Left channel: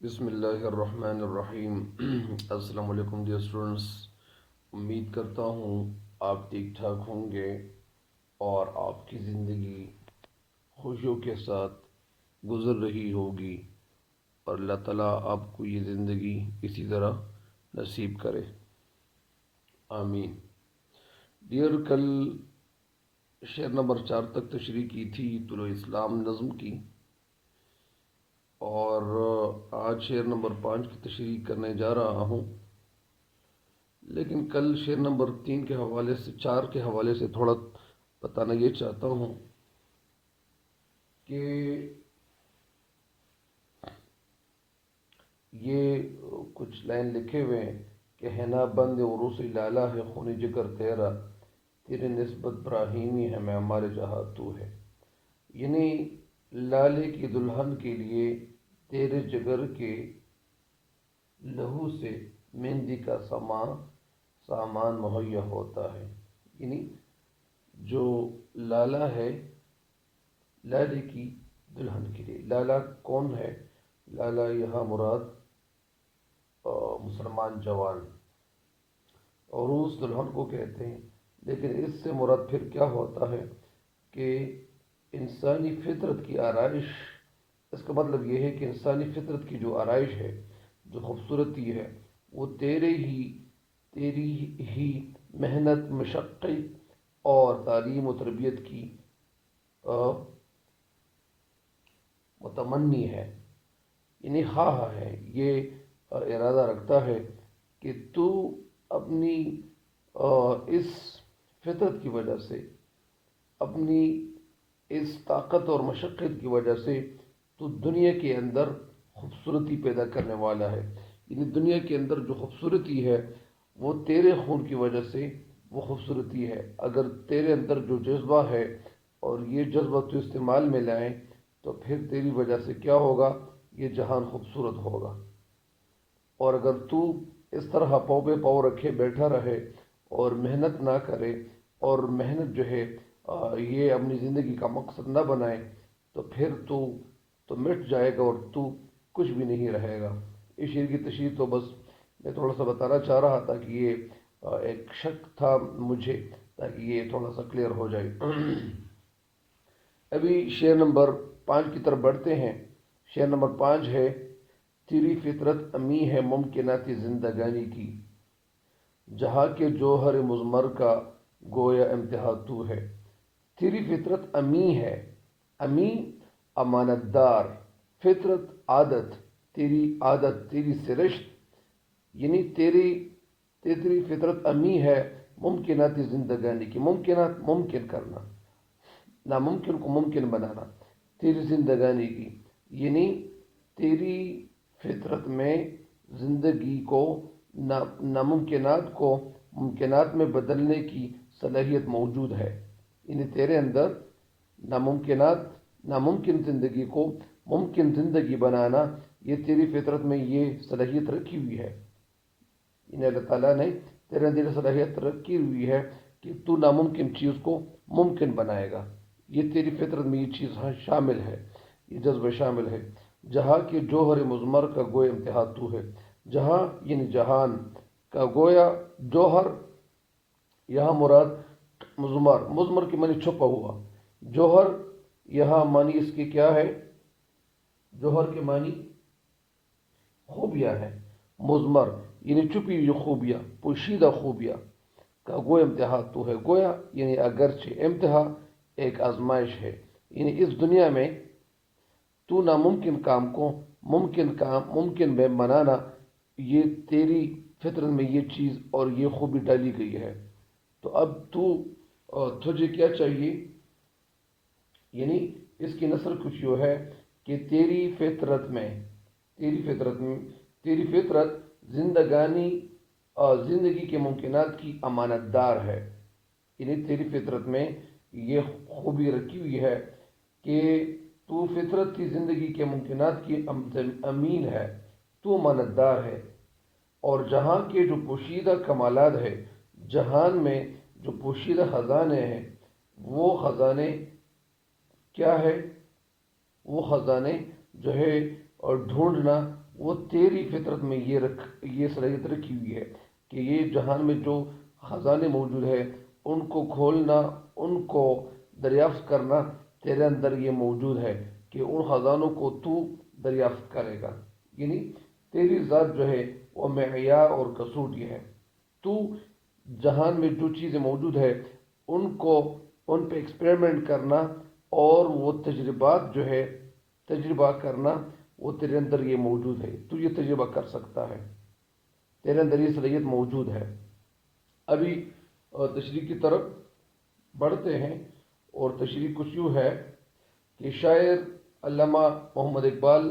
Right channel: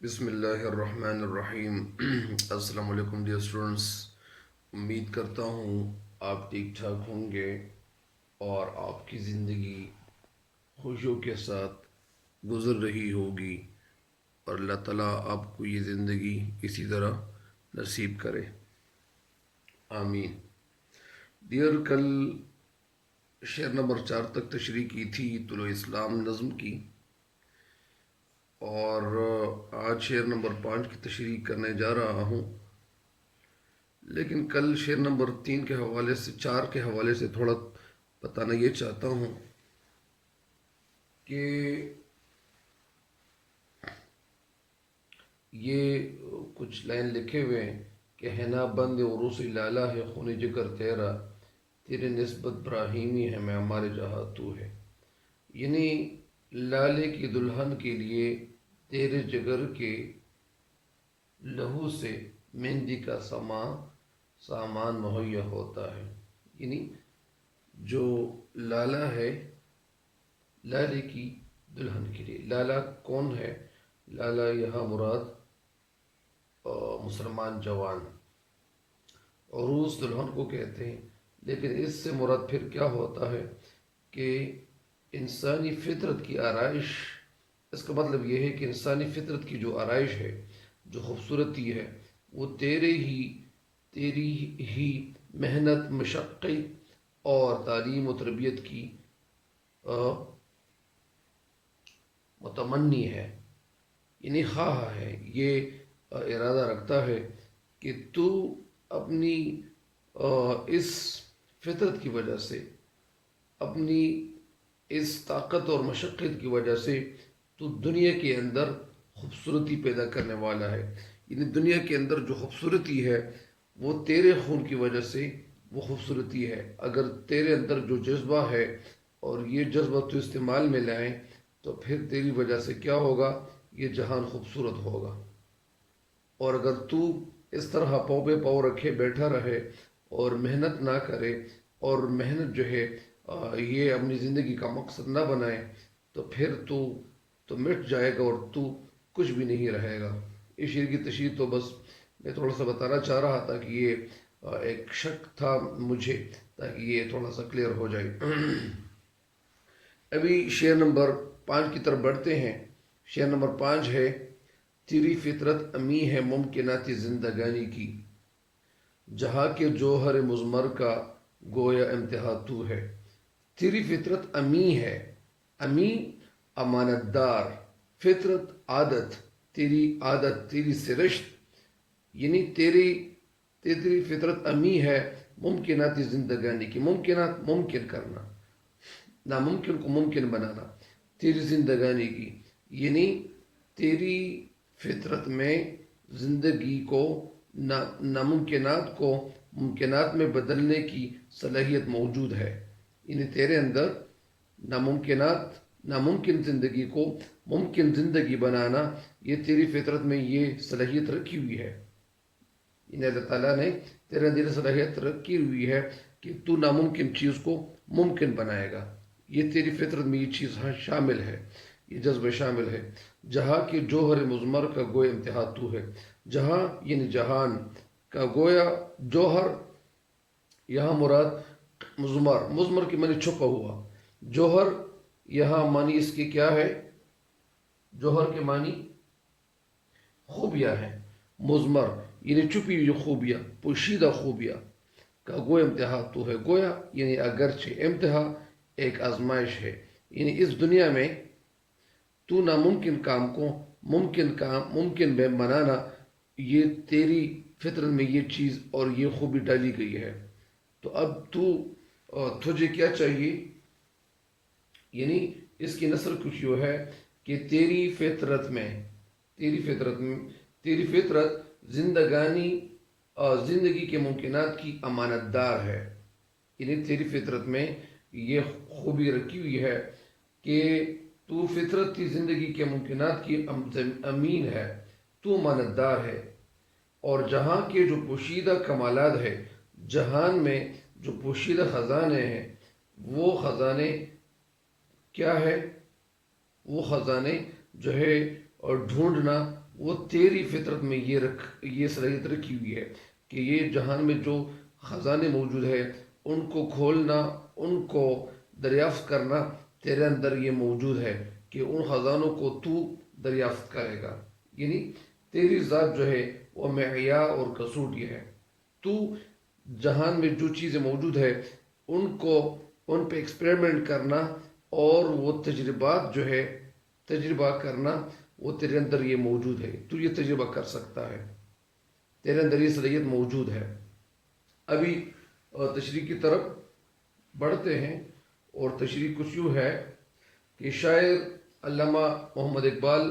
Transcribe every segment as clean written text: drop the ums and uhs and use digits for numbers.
بسم اللہ الرحمن الرحیم السلام علیکم ڈیئر اسٹوڈنٹس. امید کرتا ہوں آپ ٹھیک ٹھاک ہوں گے اور آپ کی زندگی خوشیوں کے ساتھ گزر رہی ہوگی اور اللہ تعالیٰ آپ کو یہ زندگی اسی طرح نصیب کرے. آمین. ڈیئر کل شعر نمبر 4 تک تشریح کی تھی طلوع اسلام نظم کی، اور آج شعر نمبر 5 کی تشریح کرنے جا رہا ہوں. لیکن کل شعر نمبر 3 کے حوالے سے 4 کے حوالے سے تھوڑا بتانا یہ چاہتا ہوں کہ یہ کچھ لائن لکھے ہوئے ہیں کہ ہے نا بند عروس لالا ہے خون جگر تیرا، تیری نسبت براہیمی ہے میں ہمارے جہاں تو ہے. یعنی لالے کی دلہن کے لیے تیرے جگر کے لہو سے مہندی کا سامان مہیا ہوتا ہے. یعنی جو لالا ہے، لالے کی دلہن کے لیے. لالا کون ہے؟ لالا یہاں مراد مسلمان جوان. عروس دلہن کو کہتے ہیں، لیکن اس سے مراد پھر کیا ہوتا ہے کہ انسانی فطرت کی آرائش. اس کا مطلب یہ ہے کہ انسانی فطرت کی جو آرائش ہے، جو خوبصورتی ہے، وہ تیری ہی محنت، مشقت اور تعلیم و تربیت کی متمنی ہے. یعنی خواہ ہے، یہ ارادہ رکھتا ہے کہ تو اپنی اس فطرت کی وجہ سے، اپنی اس طاقت اور مشقت کی وجہ سے تو دنیا کے اندر خوبصورتی پیدا کرنے والا ہے. یعنی دنیا کے اندر جو خوبصورتی ہے وہ تیرے خون کی وجہ سے وہ خوبصورتی ہے. اگر تیرے اندر جو جذبہ ہے اور یہ جذبہ تو استعمال میں لائیں تو پھر تیری وجہ سے کیا ہوگا؟ یہ جہان خوبصورت ہوگا. اور اگر تو اس طرح پاؤں پہ پاؤں رکھے بیٹھا رہے اور محنت نہ کرے، اور محنت جو ہے یہ اپنی زندگی کا مقصد نہ بنائے، تو پھر تو مٹ جائے گا اور تو کچھ بھی نہیں رہے گا. اس شعر کی تشریح تو بس میں تھوڑا سا بتانا چاہ رہا تھا کہ یہ ایک شک تھا مجھے، تاکہ یہ تھوڑا سا کلیئر ہو جائے. ابھی شعر نمبر 5 کی طرف بڑھتے ہیں. شعر نمبر 5 ہے: تیری فطرت امی ہے ممکنات زندگانی کی، جہاں کے جوہر مضمر کا گویا امتحا تو ہے. تیری فطرت امی ہے. امی امانت دار، فطرت عادت، تیری سرشت. یعنی تیری فطرت امی ہے ممکنات زندگانی کی. ممکنات ممکن کرنا، ناممکن کو ممکن بنانا. تیری زندگانی کی یعنی تیری فطرت میں زندگی کو، ناممکنات کو ممکنات میں بدلنے کی صلاحیت موجود ہے. یعنی تیرے اندر ناممکن زندگی کو ممکن زندگی بنانا، یہ تیری فطرت میں یہ صلاحیت رکھی ہوئی ہے. یعنی اللہ تعالیٰ نے تیرے اندر صلاحیت رکھی ہوئی ہے کہ تو ناممکن چیز کو ممکن بنائے گا. یہ تیری فطرت میں یہ چیز شامل ہے، یہ جذبہ شامل ہے. جہاں کے جوہر مضمر کا گویا امتحا تو ہے. جہاں یعنی جہان کا، گویا جوہر یہاں مراد مضمر کی معنی چھپا ہوا. جوہر یہاں معنی اس کی کیا ہے؟ جوہر کے معنی خوبیاں ہیں. مضمر یعنی چھپی ہوئی خوبیاں، پوشیدہ خوبیاں کا گویا امتحا تو ہے. گویا یعنی اگرچہ، امتحا ایک آزمائش ہے. یعنی اس دنیا میں تو ناممکن کام کو ممکن میں بنانا، یہ تیری فطرت میں یہ چیز اور یہ خوبی ڈالی گئی ہے. تو اب تجھے کیا چاہیے؟ یعنی اس کی نثر کچھ یوں ہے کہ تیری فطرت زندگی کے ممکنات کی امانت دار ہے. یعنی تیری فطرت میں یہ خوبی رکھی ہوئی ہے کہ تو فطرت کی زندگی کے ممکنات کی امین ہے، تو امانت دار ہے. اور جہاں کے جو پوشیدہ کمالات ہے، جہان میں جو پوشیدہ خزانے ہیں، وہ خزانے کیا ہے؟ وہ خزانے جو ہے اور ڈھونڈنا وہ تیری فطرت میں یہ صلاحیت رکھی ہوئی ہے کہ یہ جہان میں جو خزانے موجود ہے ان کو کھولنا، ان کو دریافت کرنا تیرے اندر یہ موجود ہے کہ ان خزانوں کو تو دریافت کرے گا. یعنی تیری ذات جو ہے وہ معیار اور کسوٹ یہ ہے. تو جہان میں جو چیزیں موجود ہے ان پہ ایکسپیریمنٹ کرنا اور وہ تجربات جو ہے تجربہ کرنا، وہ تیرے اندر یہ موجود ہے. تو یہ تجربہ کر سکتا ہے، تیرے اندر یہ صلاحیت موجود ہے. ابھی تشریح کی طرف بڑھتے ہیں، اور تشریح کچھ یوں ہے کہ شاعر علامہ محمد اقبال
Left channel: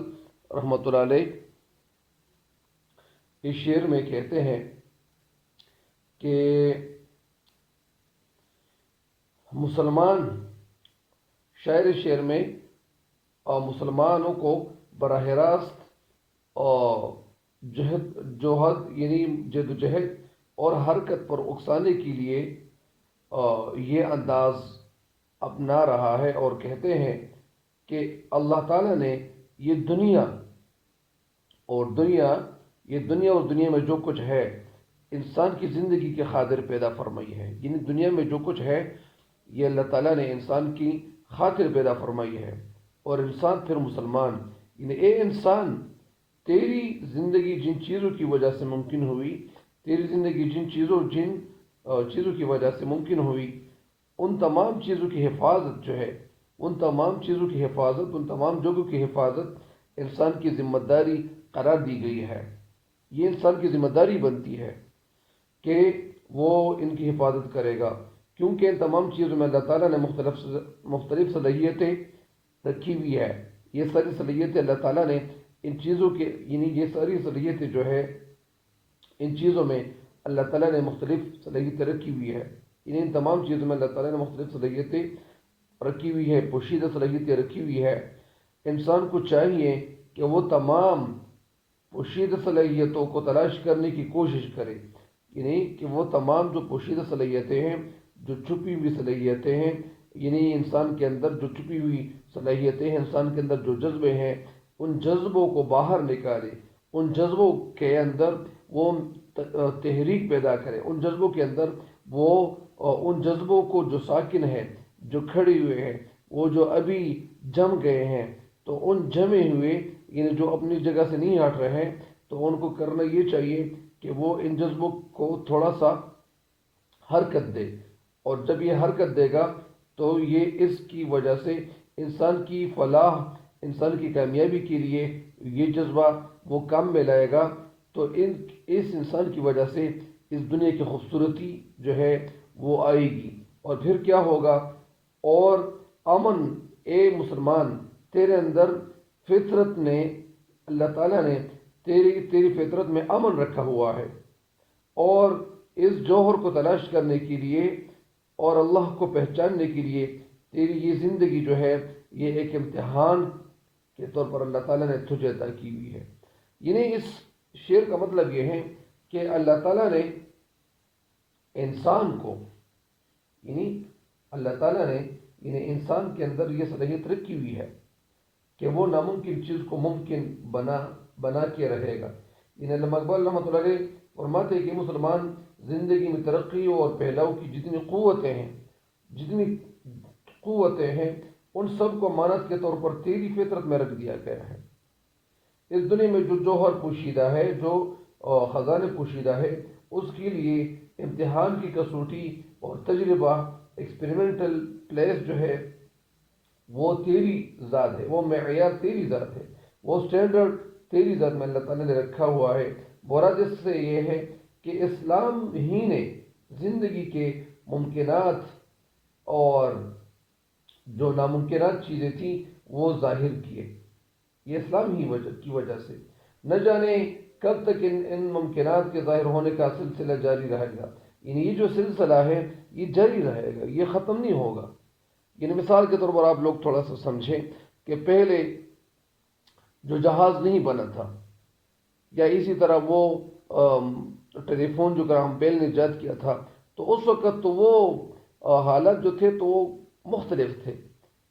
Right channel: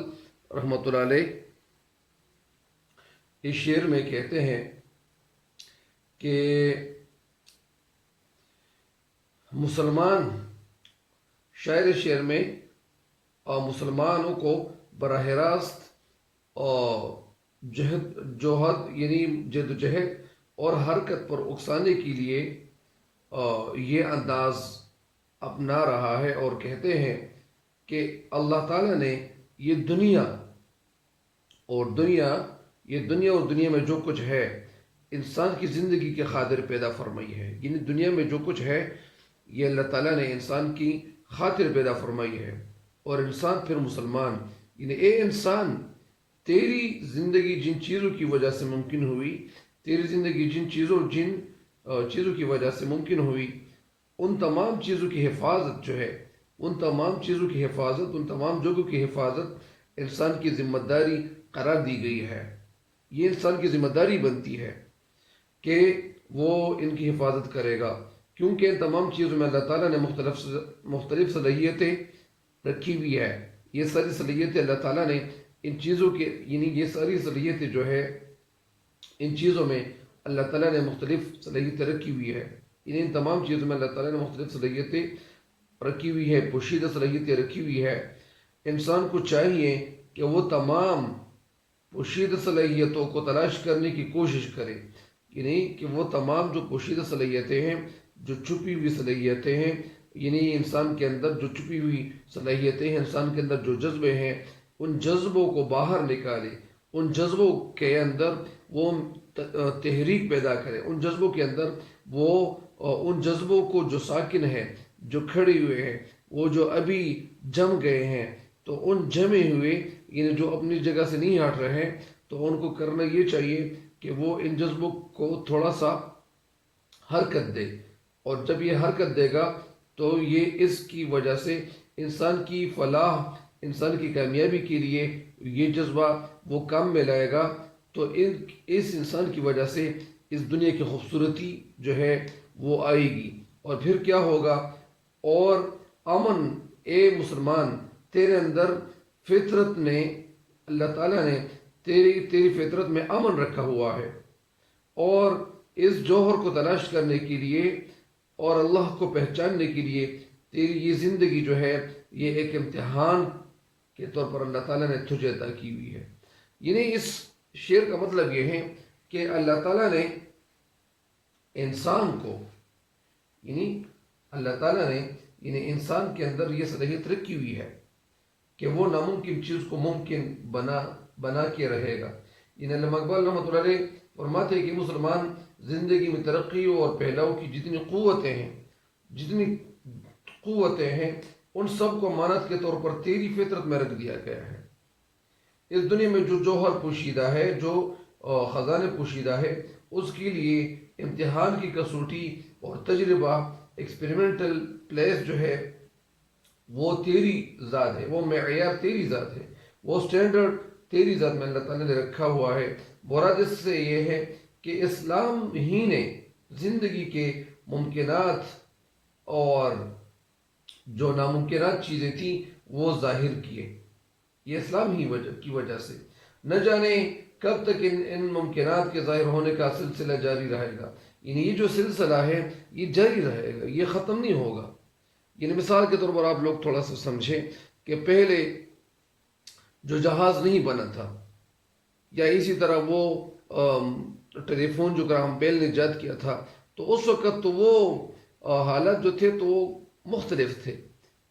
رحمۃ اللہ علیہ اس شعر میں کہتے ہیں کہ مسلمان، شاعر شعر میں مسلمانوں کو براہ راست جوہد یعنی جد و جہد اور حرکت پر اکسانے کے لیے یہ انداز اپنا رہا ہے، اور کہتے ہیں کہ اللہ تعالیٰ نے یہ دنیا اور دنیا میں جو کچھ ہے انسان کی زندگی کے خاطر پیدا فرمائی ہے. یعنی دنیا میں جو کچھ ہے یہ اللہ تعالیٰ نے انسان کی خاطر پیدا فرمائی ہے. اور انسان پھر مسلمان، یعنی اے انسان، تیری زندگی جن چیزوں کی وجہ سے ممکن ہوئی، تیری زندگی جن چیزوں کی وجہ سے ممکن ہوئی، ان تمام چیزوں کی حفاظت جو ہے، ان تمام جگہوں کی حفاظت انسان کی ذمہ داری قرار دی گئی ہے. یہ انسان کی ذمہ داری بنتی ہے کہ وہ ان کی حفاظت کرے گا، کیونکہ ان تمام چیزوں میں اللہ تعالیٰ نے مختلف صلاحیتیں رکھی ہوئی ہے. یہ ساری صلاحیتیں اللہ تعالیٰ نے ان چیزوں کے، یعنی یہ ساری صلاحیتیں جو ہے ان چیزوں میں اللہ تعالیٰ نے مختلف صلاحیتیں رکھی ہوئی ہے. ان تمام چیزوں میں اللہ تعالیٰ نے مختلف صلاحیتیں رکھی ہوئی ہے، پوشیدہ صلاحیتیں رکھی ہوئی ہے. انسان کو چاہیے کہ وہ تمام پوشیدہ صلاحیتوں کو تلاش کرنے کی کوشش کرے. یعنی کہ وہ تمام جو پوشیدہ صلاحیتیں ہیں، جو چھپی ہوئی صلاحیتیں ہیں، یعنی انسان کے اندر جو چھپی ہوئی صلاحیتیں ہیں، انسان کے اندر جو جذبے ہیں، ان جذبوں کو باہر نکالے، ان جذبوں کے اندر وہ تحریک پیدا کرے، ان جذبوں کے اندر وہ ان جذبوں کو جو ساکن ہے، جو کھڑے ہوئے ہیں، وہ جو ابھی جم گئے ہیں، تو ان جمے ہوئے، یعنی جو اپنی جگہ سے نہیں ہٹ رہے ہیں، تو ان کو کرنا یہ چاہیے کہ وہ ان جذبوں کو تھوڑا سا حرکت دے. اور جب یہ حرکت دے گا تو یہ اس کی وجہ سے انسان کی فلاح، انسان کی کامیابی کے لیے یہ جذبہ وہ کام میں لائے گا. تو اس انسان کی وجہ سے اس دنیا کی خوبصورتی جو ہے وہ آئے گی. اور پھر کیا ہوگا؟ اور امن، اے مسلمان، تیرے اندر فطرت نے، اللہ تعالیٰ نے تیری فطرت میں امن رکھا ہوا ہے. اور اس جوہر کو تلاش کرنے کے لیے اور اللہ کو پہچاننے کے لیے تیری یہ زندگی جو ہے یہ ایک امتحان کے طور پر اللہ تعالیٰ نے تجھے عطا کی ہوئی ہے. یعنی اس شعر کا مطلب یہ ہے کہ اللہ تعالیٰ نے انسان کو، اللہ تعالیٰ نے انسان کے اندر یہ صلاحیت رکھی ہوئی ہے کہ وہ ناممکن چیز کو ممکن بنا کے رہے گا. علامہ اقبال رحمۃ اللہ علیہ فرماتے ہیں کہ مسلمان زندگی میں ترقی اور پھیلاؤ کی جتنی قوتیں ہیں ان سب کو امانت کے طور پر تیری فطرت میں رکھ دیا گیا ہے. اس دنیا میں جو جوہر پوشیدہ ہے، جو خزانے پوشیدہ ہے، اس کے لیے امتحان کی کسوٹی اور تجربہ، ایکسپیریمنٹل پلیس جو ہے وہ تیری ذات ہے، وہ معیار تیری ذات ہے، وہ سٹینڈرڈ تیری ذات میں اللہ تعالیٰ نے رکھا ہوا ہے. مراد اس سے یہ ہے کہ اسلام ہی نے زندگی کے ممکنات اور جو ناممکنات چیزیں تھیں وہ ظاہر کیے. یہ اسلام ہی کی وجہ سے. نہ جانے کب تک ان ممکنات کے ظاہر ہونے کا سلسلہ جاری رہے گا. یہ جو سلسلہ ہے یہ جاری رہے گا، یہ ختم نہیں ہوگا. مثال کے طور پر آپ لوگ تھوڑا سا سمجھیں کہ پہلے جو جہاز نہیں بنا تھا، یا اسی طرح وہ ٹیلی فون جو گراہم بیل نے ایجاد کیا تھا، تو اس وقت تو وہ حالات جو تھے تو وہ مختلف تھے.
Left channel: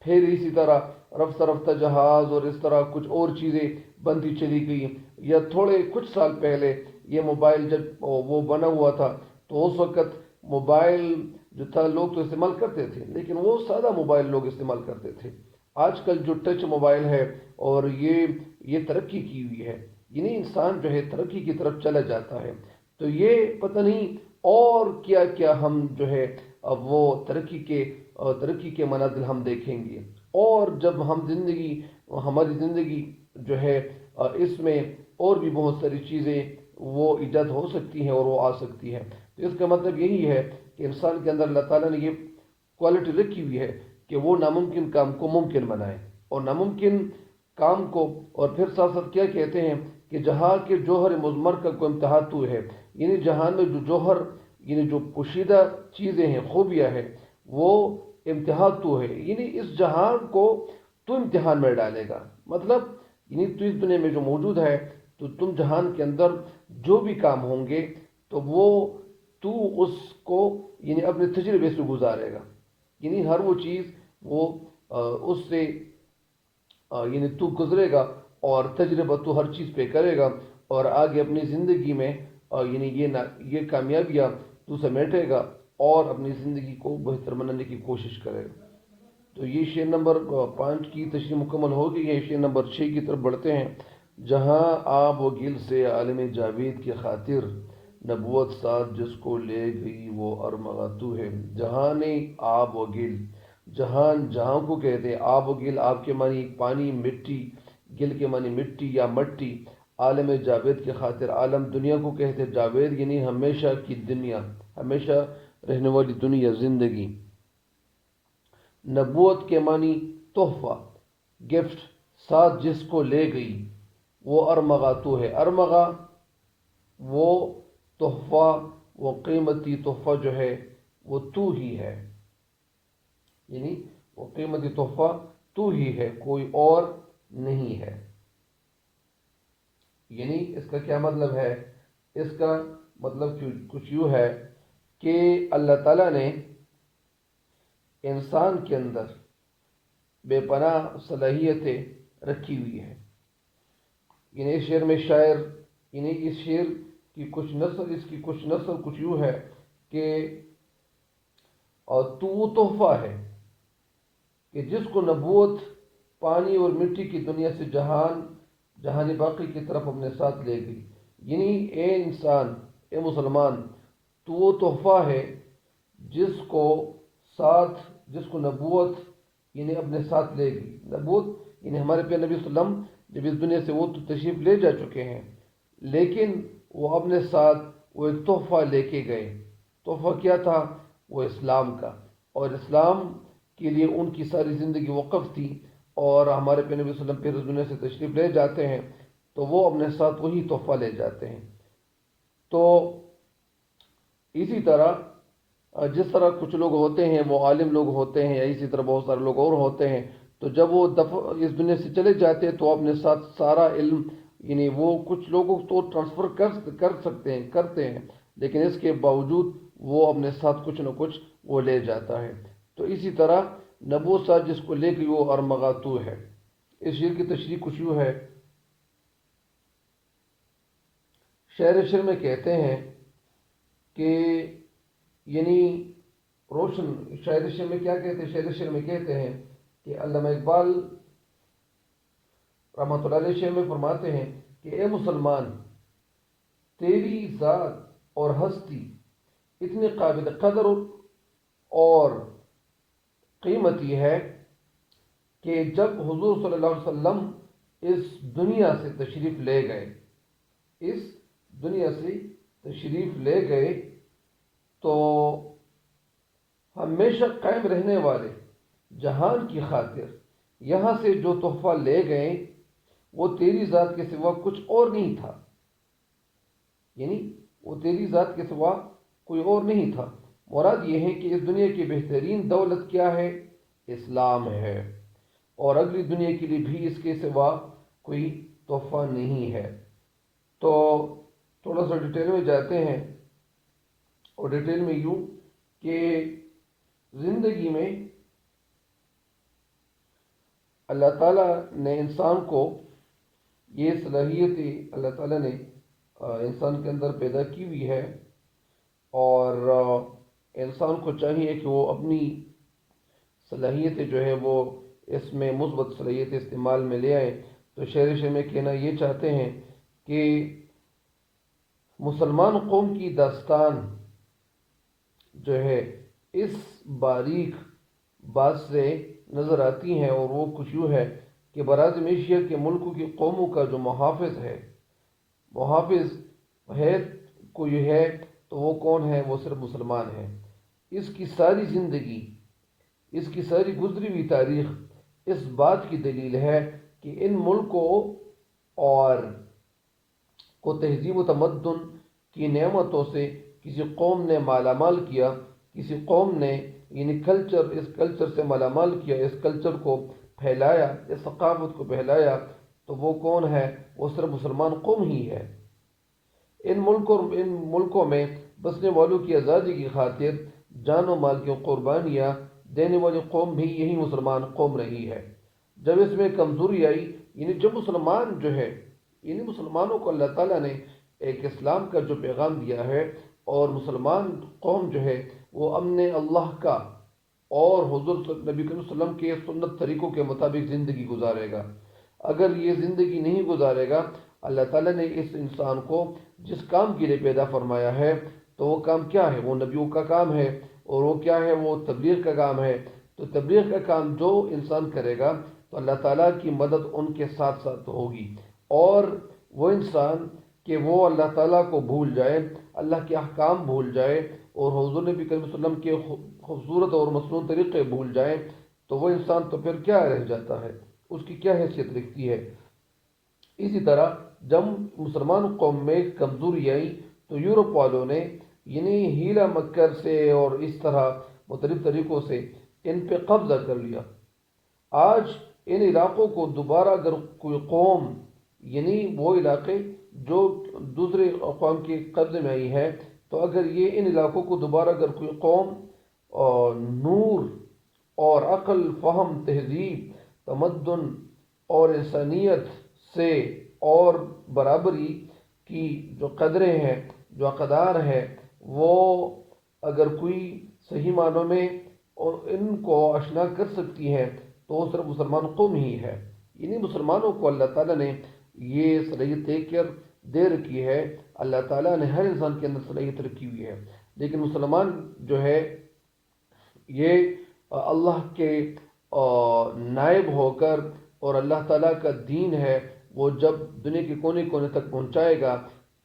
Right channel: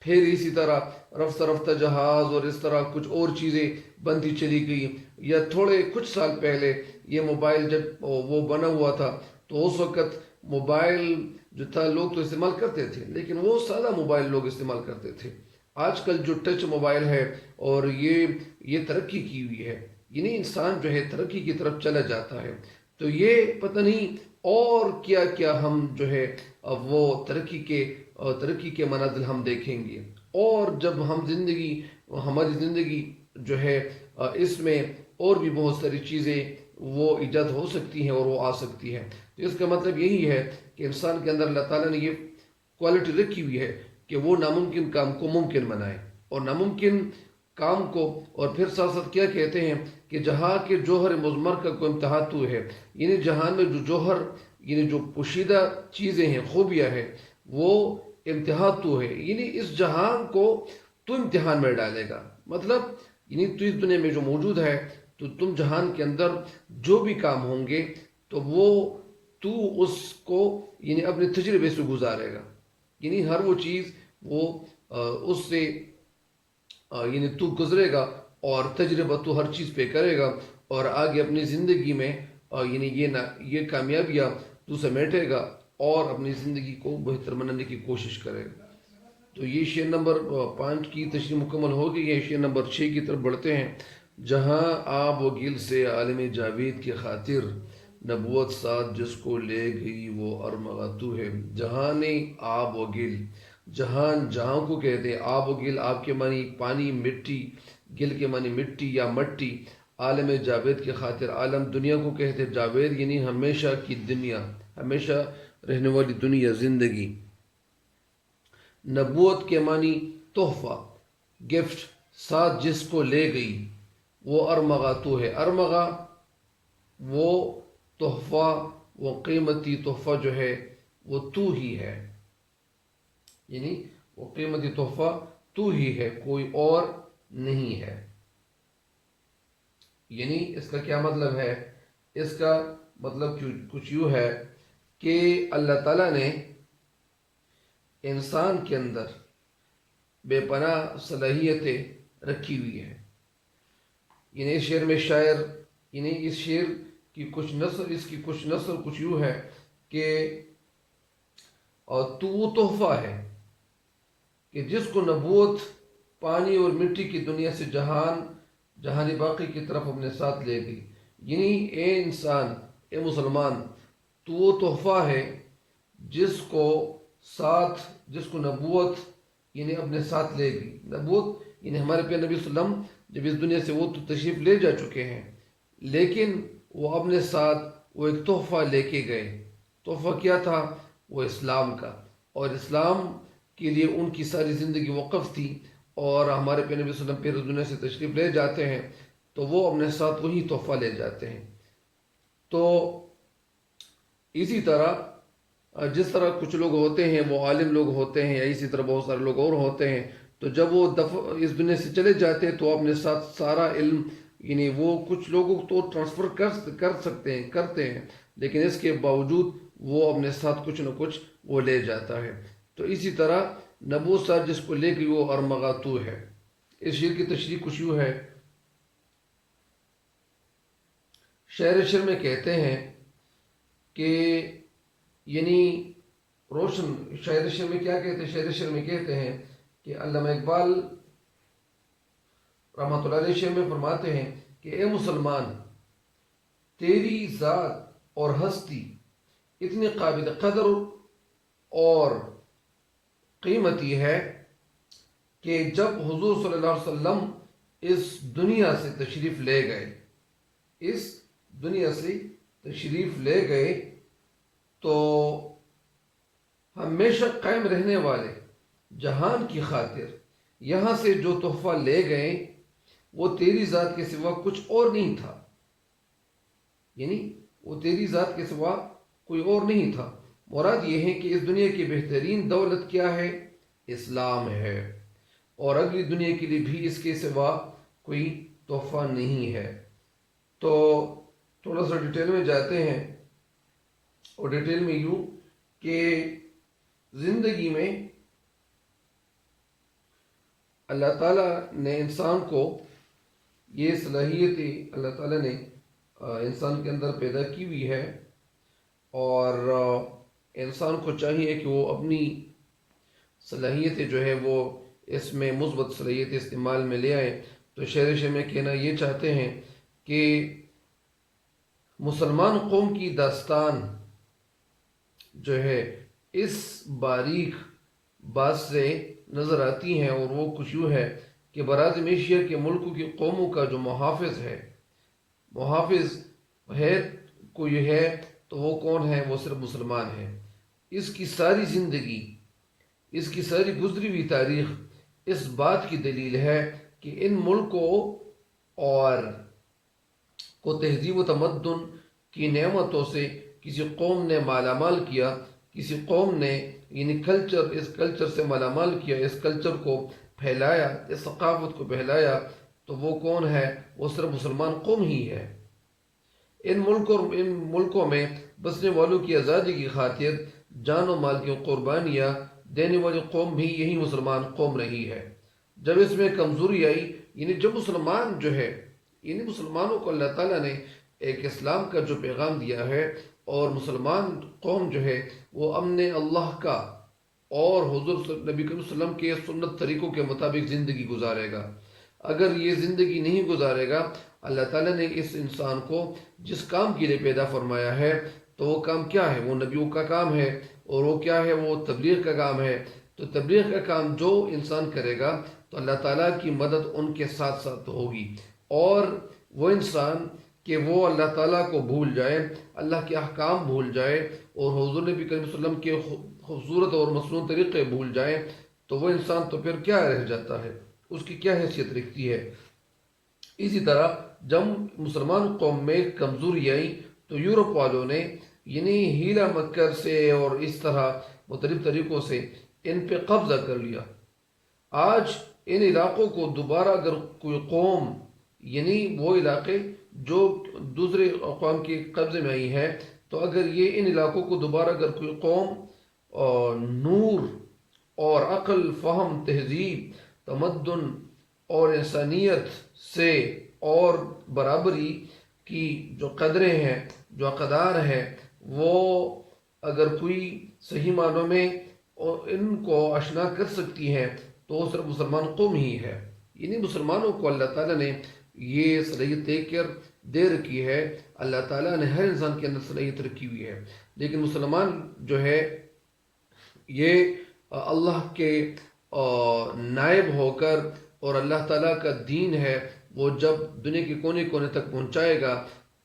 پھر اسی طرح رفتہ رفتہ جہاز اور اس طرح کچھ اور چیزیں بنتی چلی گئی، یا تھوڑے کچھ سال پہلے یہ موبائل جب وہ بنا ہوا تھا تو اس وقت موبائل جو تھا لوگ تو استعمال کرتے تھے، لیکن وہ سادہ موبائل لوگ استعمال کرتے تھے۔ آج کل جو ٹچ موبائل ہے اور یہ ترقی کی ہوئی ہے، یعنی انسان جو ہے ترقی کی طرف چلا جاتا ہے، تو یہ پتہ نہیں اور کیا کیا ہم جو ہے اب وہ ترقی کے منازل ہم دیکھیں گے، اور جب ہماری زندگی جو ہے اس میں اور بھی بہت ساری چیزیں وہ ایجاد ہو سکتی ہیں اور وہ آ سکتی ہیں۔ تو اس کا مطلب یہی ہے کہ انسان کے اندر اللہ تعالیٰ نے یہ کوالٹی رکھی ہوئی ہے کہ وہ ناممکن کام کو ممکن بنائے، اور ناممکن کام کو، اور پھر ساتھ ساتھ کیا کہتے ہیں کہ جہاں کے جوہر مضمر کا کوئی امتحان تو ہے، یعنی جہان میں جو جوہر، یعنی جو پوشیدہ چیزیں ہیں، خوبیاں ہیں، وہ امتحان تو ہے، یعنی اس جہان کو تو امتحان میں ڈالے گا، مطلب یعنی تو اس دنیا میں جو موجود ہے، تو تم جہان کے اندر جو بھی کام ہوں گے تو وہ تو اس کو یعنی اپنے تجربے سے گزارے گا، یعنی ہر وہ چیز وہ اس سے یعنی تو گزرے گا، اور تجربہ تو ہر چیز پہ کرے گا، اور آگے اپنی زندگی میں یعنی یہ کامیابیاں تو سمیٹے گا اور اپنی زندگی کو بہتر بنانے کی کوشش کرے گا۔ تو یہ شعر نمبر 5 کی تشریح مکمل ہو گئی ہے۔ شعر نمبر 6 کی طرف بڑھتے ہیں۔ جہاں آب و گل سے عالم جاوید کی خاطر، نبوت ساتھ جس کو لے گئی وہ ارمغا تو ہے۔ جہان آب و گل، جہاں کو کہتے ہیں آب و گل، آب کے معنی پانی، مٹی، گل کے معنی مٹی یا مٹی، عالم جاوید کی خاطر، عالم دنیا کو کہتے ہیں، جاوید یعنی ہمیشہ کی دنیا، ہمیشہ رہنے والی دنیا، زندگی۔ نبوت کے معنی تحفہ، گفٹ، ساتھ جس کو لے گئی وہ ارمغا تو ہے۔ ارمغا وہ تحفہ، وہ قیمتی تحفہ جو ہے وہ تو ہی ہے، یعنی وہ قیمتی تحفہ تو ہی ہے، کوئی اور نہیں ہے۔ یعنی اس کا کیا مطلب ہے؟ اس کا مطلب کچھ یوں ہے کہ اللہ تعالیٰ نے انسان کے اندر بے پناہ صلاحیتیں رکھی ہوئی ہیں۔ یعنی اس شعر میں شاعر، یعنی اس شعر کی کچھ نثر کچھ یوں ہے کہ اور تو وہ تحفہ ہے کہ جس کو نبوت پانی اور مٹی کی دنیا سے جہان باقی کی طرف اپنے ساتھ لے گئی۔ یعنی اے انسان، اے مسلمان، تو وہ تحفہ ہے جس کو نبوت یعنی اپنے ساتھ لے گئی۔ نبوت یعنی ہمارے پیارے نبی صلی اللہ علیہ وسلم جب اس دنیا سے وہ تو تشریف لے جا چکے ہیں، لیکن وہ اپنے ساتھ وہ ایک تحفہ لے کے گئے۔ تحفہ کیا تھا؟ وہ اسلام کا، اور اسلام کے لیے ان کی ساری زندگی وقف تھی، اور ہمارے پیارے نبی صلی اللہ علیہ وسلم پھر اس دنیا سے تشریف لے جاتے ہیں تو وہ اپنے ساتھ وہی تحفہ لے جاتے ہیں۔ تو اسی طرح جس طرح کچھ لوگ ہوتے ہیں وہ عالم لوگ ہوتے ہیں، یا اسی طرح بہت سارے لوگ اور ہوتے ہیں، تو جب وہ اس دنیا سے چلے جاتے ہیں تو اپنے ساتھ سارا علم، یعنی وہ کچھ لوگوں تو ٹرانسفر کرتے ہیں، لیکن اس کے باوجود وہ اپنے ساتھ کچھ نہ کچھ وہ لے جاتا ہے۔ تو اسی طرح نبوت ساتھ جس کو لے گئی وہ ارمغا تو ہے۔ اس شعر کی تشریح کچھ یوں ہے۔ شعر میں کہتے ہیں کہ یعنی روشن، شعر میں کیا کہتے ہیں؟ شعر میں کہتے ہیں کہ علامہ اقبال رحمۃ اللہ علیہ شعر میں فرماتے ہیں کہ اے مسلمان، تیری ذات اور ہستی اتنی قابل قدر اور قیمتی ہے کہ جب حضور صلی اللہ علیہ وسلم اس دنیا سے تشریف لے گئے تو ہمیشہ قائم رہنے والے جہان کی خاطر یہاں سے جو تحفہ لے گئے وہ تیری ذات کے سوا کچھ اور نہیں تھا، یعنی وہ تیری ذات کے سوا کوئی اور نہیں تھا۔ مراد یہ ہے کہ اس دنیا کی بہترین دولت کیا ہے؟ اسلام ہے، اور اگلی دنیا کے لیے بھی اس کے سوا کوئی تحفہ نہیں ہے۔ تو تھوڑا سا ڈیٹیل میں جاتے ہیں، اور ڈیٹیل میں یوں کہ زندگی میں اللہ تعالیٰ نے انسان کو یہ صلاحیتیں اللہ تعالیٰ نے انسان کے اندر پیدا کی ہوئی ہے، اور انسان کو چاہیے کہ وہ اپنی صلاحیتیں جو ہے وہ اس میں مثبت صلاحیتیں استعمال میں لے آئے۔ تو شعر میں کہنا یہ چاہتے ہیں کہ مسلمان قوم کی داستان جو ہے اس باریک بات سے نظر آتی ہیں، اور وہ کچھ یوں ہے کہ براعظم ایشیا کے ملکوں کی قوموں کا جو محافظ ہے کوئی ہے تو وہ کون ہے؟ وہ صرف مسلمان ہے۔ اس کی ساری زندگی، اس کی ساری گزری ہوئی تاریخ اس بات کی دلیل ہے کہ ان ملکوں اور کو تہذیب و تمدن کی نعمتوں سے کسی قوم نے مالا مال کیا، کسی قوم نے یعنی اس کلچر سے مالا مال کیا، اس کلچر کو پھیلایا، اس ثقافت کو پھیلایا، تو وہ کون ہے؟ وہ صرف مسلمان قوم ہی ہے۔ ان ملکوں میں بسنے والوں کی آزادی کی خاطر جان و مال کی قربانیاں دینے والی قوم بھی یہی مسلمان قوم رہی ہے۔ جب اس میں کمزوری آئی، یعنی جب مسلمان جو ہے، یعنی مسلمانوں کو اللہ تعالیٰ نے ایک اسلام کا جو پیغام دیا ہے، اور مسلمان قوم جو ہے وہ امن اللہ کا اور حضور نبی کریم صلی اللہ علیہ وسلم کے سنت طریقوں کے مطابق زندگی گزارے گا۔ اگر یہ زندگی نہیں گزارے گا، اللہ تعالیٰ نے اس انسان کو جس کام کے لیے پیدا فرمایا ہے تو وہ کام کیا ہے؟ وہ نبیوں کا کام ہے، اور وہ کیا ہے؟ وہ تبلیغ کا کام ہے۔ تو تبلیغ کا کام جو انسان کرے گا تو اللہ تعالیٰ کی مدد ان کے ساتھ ساتھ ہوگی، اور وہ انسان کہ وہ اللہ تعالیٰ کو بھول جائے، اللہ کے احکام بھول جائے، اور حضور نبی کریم صلی اللہ علیہ وسلم کے خوبصورت اور مصنوع طریقے بھول جائے، تو وہ انسان تو پھر کیا رہ جاتا ہے؟ اس کی کیا حیثیت رکھتی ہے؟ اسی طرح جب مسلمان قوم میں کمزوری آئی تو یورپ والوں نے یعنی ہیلا مکر سے اور اس طرح مختلف طریقوں سے ان پہ قبضہ کر لیا۔ آج ان علاقوں کو دوبارہ اگر کوئی قوم، یعنی وہ علاقے جو دوسرے اقوام کے قبضے میں آئی ہیں، تو اگر یہ ان علاقوں کو دوبارہ اگر کوئی قوم نور اور عقل، فہم، تہذیب، تمدن اور انسانیت سے اور برابری کی جو قدریں ہیں، جو اقدار ہیں، وہ اگر کوئی صحیح معنوں میں ان کو اشنا کر سکتی ہیں تو وہ صرف مسلمان قوم ہی ہے۔ یعنی مسلمانوں کو اللہ تعالیٰ نے یہ صلاحیت دے رکھی ہے، اللہ تعالیٰ نے ہر انسان کے اندر صلاحیت رکھی ہوئی ہے، لیکن مسلمان جو ہے یہ اللہ کے نائب ہو کر، اور اللہ تعالیٰ کا دین ہے وہ جب دنیا کے کونے کونے تک پہنچائے گا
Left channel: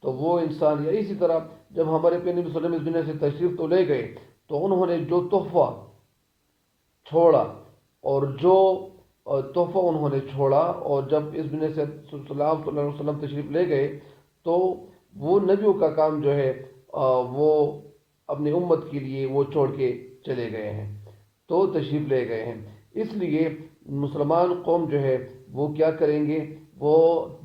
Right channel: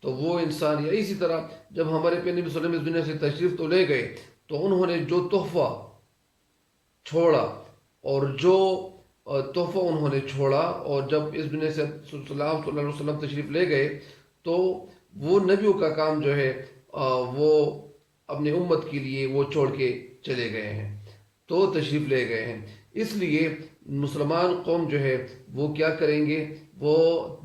تو وہ انسان، یا اسی طرح جب ہمارے نبی صلی اللہ علیہ وسلم اس دنیا سے تشریف تو لے گئے تو انہوں نے جو تحفہ چھوڑا، اور جو تحفہ انہوں نے چھوڑا، اور جب اس دنیا سے صلی اللہ علیہ وسلم تشریف لے گئے تو وہ نبیوں کا کام جو ہے وہ اپنے امت کے لیے وہ چھوڑ کے چلے گئے ہیں، تو تشریف لے گئے ہیں۔ اس لیے مسلمان قوم جو ہے وہ کیا کریں گے؟ وہ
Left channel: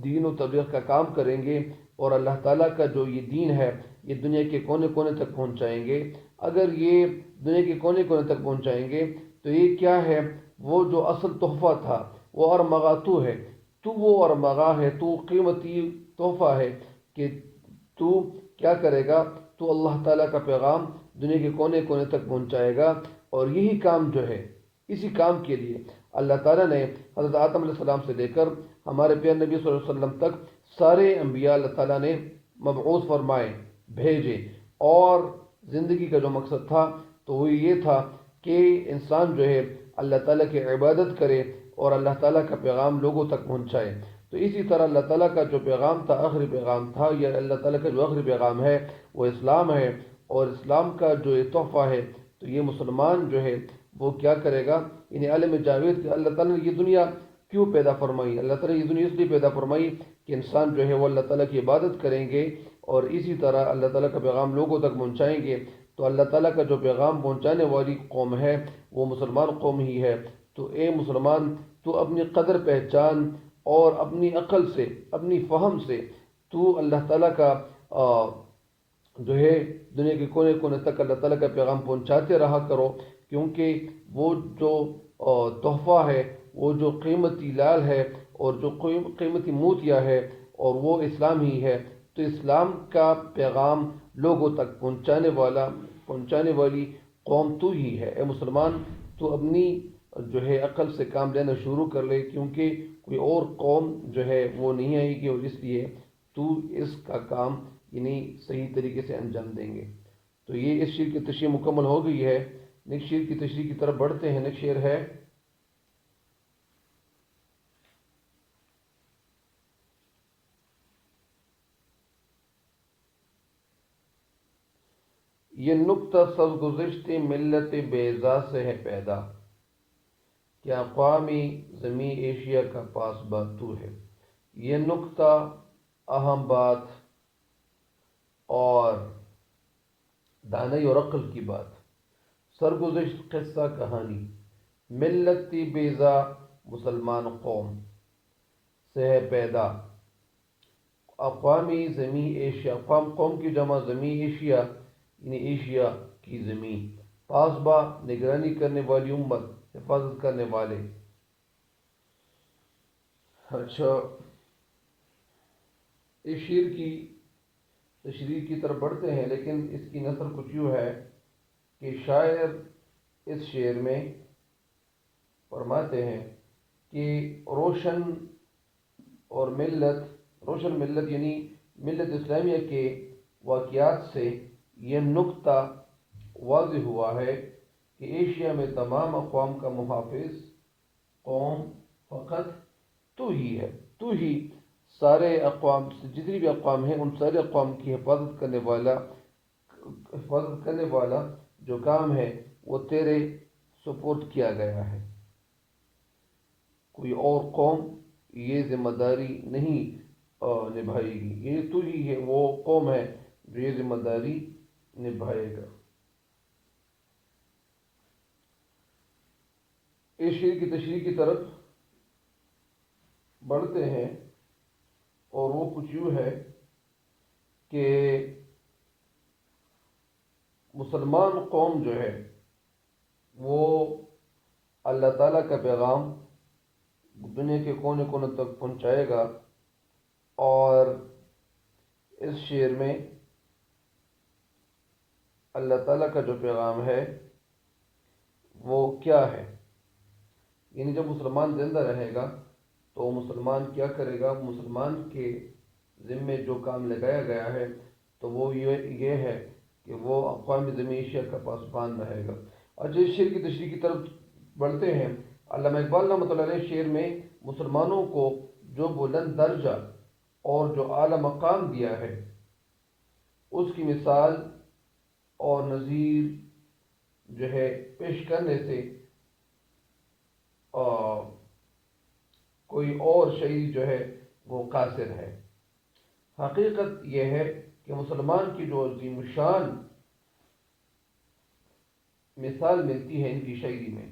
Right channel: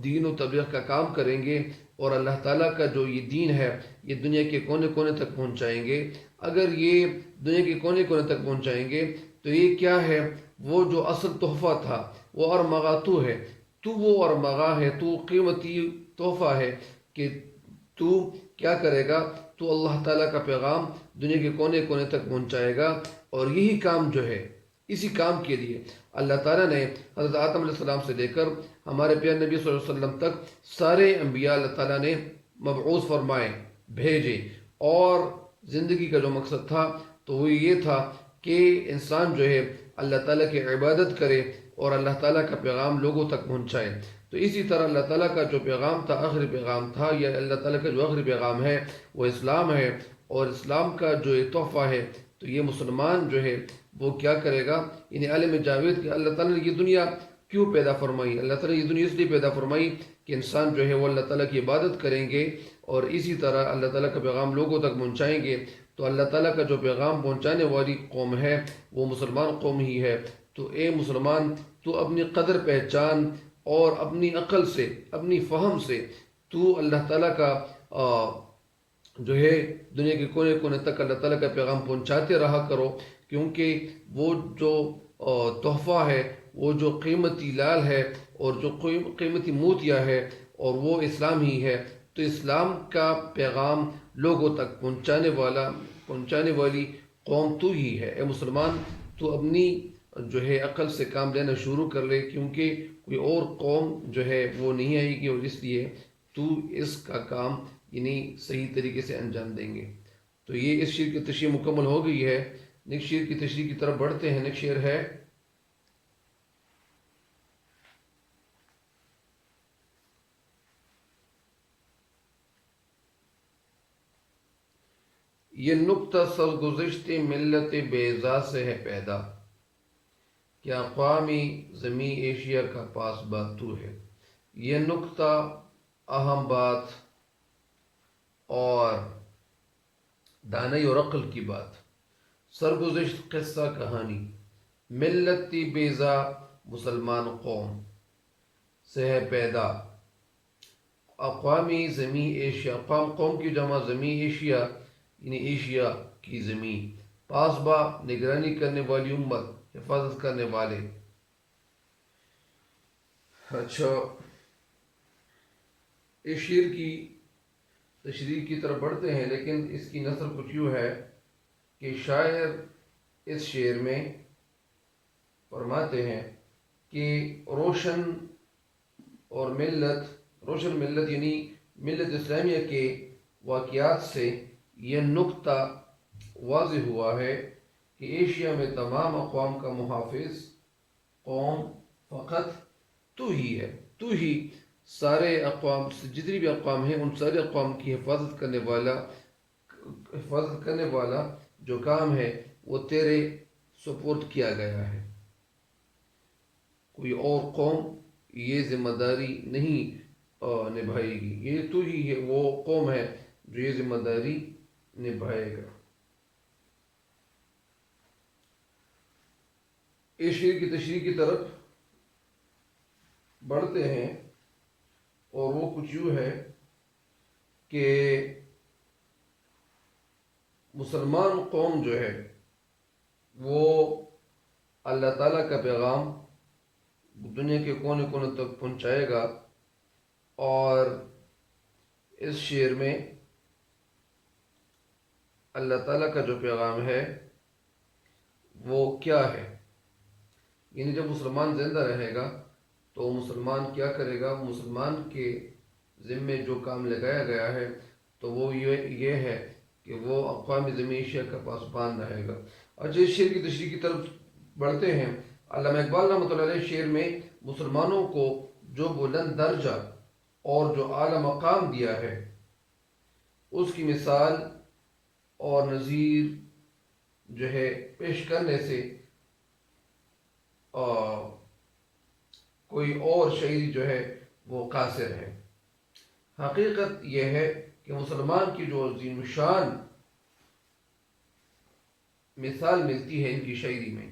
دین و تبلیغ کا کام کریں گے، اور اللہ تعالیٰ کا جو یہ دین ہے یہ دنیا کے کونے کونے تک پہنچائیں گے۔ اگر یہ دنیا کے کونے کونے تک پہنچائیں گے تو یہ کیا ہے؟ وہ جو اصل تحفہ تھا وہ ارمغا تو ہے، تو وہ ارمغا ہے، تو قیمتی تحفہ ہے کہ تو کیا کرے گا؟ تو اللہ تعالیٰ کا پیغام دنیا کے کونے کونے تک پہنچائے گا، اور یہی کام جو ہے، اسی کام کے لیے اللہ تعالیٰ نے حضرت آدم علیہ السلام سے لے کر ہمارے پیارے نبی صلی اللہ علیہ وسلم تک سارے انبیاء اللہ تعالیٰ نے مبعوث فرمائے، بھیجے، اور زندگی کا جو مقصد تھا تو وہ یہ تھا کہ انسان جو ہے اللہ تعالیٰ کی عبادت کرے اور اللہ تعالیٰ کا پیغام لوگوں تک پہنچائے۔ تو اسی طرح اللہ تعالیٰ کا جو پیغام تھا، آخری پیغام تھا، یا اللہ تعالیٰ کا جو آخری پیغام ہے وہ اسلام ہے، اور اسلام کا جو یہ تحفہ ہے تو یہ مسلمان جو ہے وہ کیا کرے گا؟ یعنی عالم جاوید کہ اللہ تعالیٰ نے یہ دنیا کیوں پیدا فرمائی؟ اللہ تعالیٰ نے یہ دنیا اس لیے پیدا فرمائی کہ انسان جو ہے وہ اللہ تعالیٰ کی عبادت کریں گے، اور اسی طرح اللہ تعالیٰ کا پیغام لوگوں تک پہنچائیں گے۔ تو اللہ تعالیٰ کا جو پیغام پہنچانے والی قوم ہے وہ مسلمان قوم ہی ہے۔ تو اے مسلمان، تو اپنی قدر پہچان اور اپنی عقل سے، اپنی فہم سے تو اللہ تعالیٰ کا جو ہے دنیا کے کونے کونے تک اللہ تعالیٰ کا پیغام پہنچاتے رہا کرو، کیونکہ وہ جو تحفہ ہے وہ جو قیمتی لال ہے اور جو قیمتی موتیا ہے اور وہ اسلام ہی ہے، تو اسلام کا پیغام لوگوں تک پہنچانے والی قوم تو ہی ہے۔ اے مسلمان، تو اپنی جو ہے عقل سے کام لینا شروع کر لے، کیونکہ کوئی اور قوم جو ہے وہ نہیں آئے گی، اور اس لیے تو اس کا کام صحیح طریقے سے انجام دیں گے۔ تو یہ اس شعر کی تشریح مکمل ہو گئی ہے۔ نیکسٹ شعر کی تشریح کی طرف بڑھتے ہیں۔ نیکسٹ شعر ہے: یہ نکتہ سرگزشت ملت بیضا سے ہے پیدا، کہ اقوامی زمیں ایشیا کا پاسباں تو ہے۔ یہ نکتہ، اہم بات اور دانائی اور عقل کی بات، سرگزشت قصہ کہانی ملت بیضا مسلمان قوم سے ہے پیدا، اقوامی زمیں ایشیا، اقوام قوم کی جمع زمیں ایشیا یعنی ایشیا کی زمین، پاسباں نگرانی کرنے والی امت، حفاظت کرنے والے۔ اچھا، اس شعر کی تشریح کی طرف بڑھتے ہیں، لیکن اس کی نثر کچھ یوں ہے کہ شاعر اس شعر میں فرماتے ہیں کہ روشن ملت یعنی ملت اسلامیہ کے واقعات سے یہ نکتہ واضح ہوا ہے کہ ایشیا میں تمام اقوام کا محافظ قوم فقط تو ہی ہے۔ تو ہی سارے اقوام، جتنی بھی اقوام ہیں، ان سارے اقوام کی حفاظت کرنے والا جو کام ہے وہ تیرے سپورٹ کیا گیا ہے۔ کوئی اور قوم یہ ذمہ داری نہیں نبھائے گی، یہ تو ہی ہے، وہ قوم ہے جو یہ ذمہ داری نبھائے گا۔ اس شعر کی تشریح کی طرف بڑھتے ہیں، اور وہ کچھ یوں ہے کہ مسلمان قوم جو ہے وہ اللہ تعالیٰ کا پیغام دنیا کے کونے کونے تک پہنچائے گا، اور اس شعر میں اللہ تعالیٰ کا جو پیغام ہے وہ کیا ہے، یعنی جب مسلمان زندہ رہے گا تو مسلمان کیا کرے گا؟ مسلمان کے ذمے جو کام لگایا گیا ہے تو وہ یہ ہے کہ وہ اقوام زمیں ایشیا کا پاسبان رہے گا۔ اچھا، اس شعر کی تشریح کی طرف بڑھتے ہیں۔ علامہ اقبال رحمۃ اللہ علیہ شعر میں مسلمانوں کو جو بلند درجہ اور جو اعلیٰ مقام دیا ہے، اس کی مثال اور نظیر جو ہے پیش کرنے سے کوئی اور شاعری جو ہے وہ قاصر ہے۔ حقیقت یہ ہے کہ مسلمان کی جو عظیم شان مثال ملتی ہے ان کی شاعری میں،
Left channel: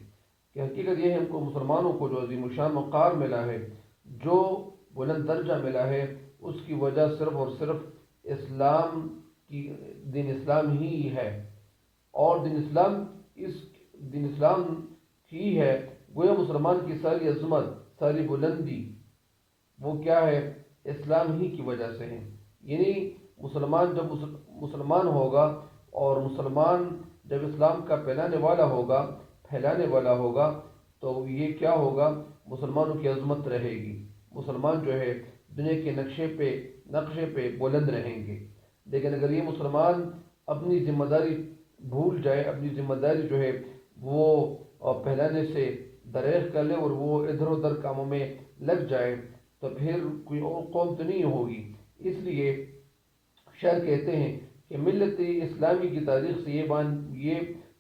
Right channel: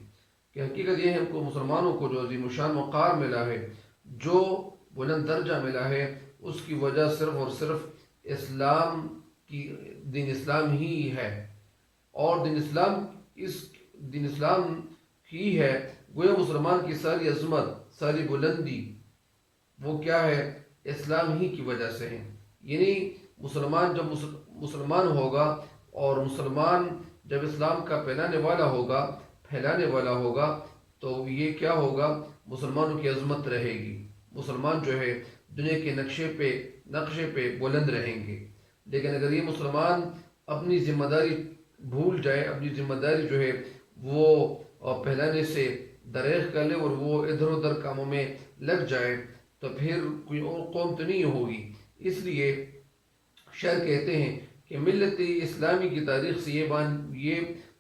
کہ حقیقت یہ ہے ان کو مسلمانوں کو جو عظیم شان وقار ملا ہے، جو بلند درجہ ملا ہے، اس کی وجہ صرف اور صرف دین اسلام ہی ہے، اور دین اسلام ہی ہے۔ گویا مسلمان کی ساری عظمت، ساری بلندی وہ کیا ہے؟ اسلام ہی کی وجہ سے ہے۔ یعنی مسلمان جب مسلمان ہوگا، اور مسلمان جب اسلام کا پھیلانے والا ہوگا تو یہ کیا ہوگا؟ مسلمانوں کی عظمت رہے گی، مسلمان جو ہے دنیا کے نقشے پہ بلند رہیں گے۔ لیکن اگر یہ مسلمان اپنی ذمہ داری بھول جائے، اپنی ذمہ داری جو ہے وہ پھیلانے سے دریغ کر لے اور وہ ادھر ادھر کاموں میں لگ جائے، تو پھر کوئی اور قوم تو نہیں ہوگی۔ اس لیے شاعر کہتے ہیں کہ ملت اسلامی کی تاریخ سے یہ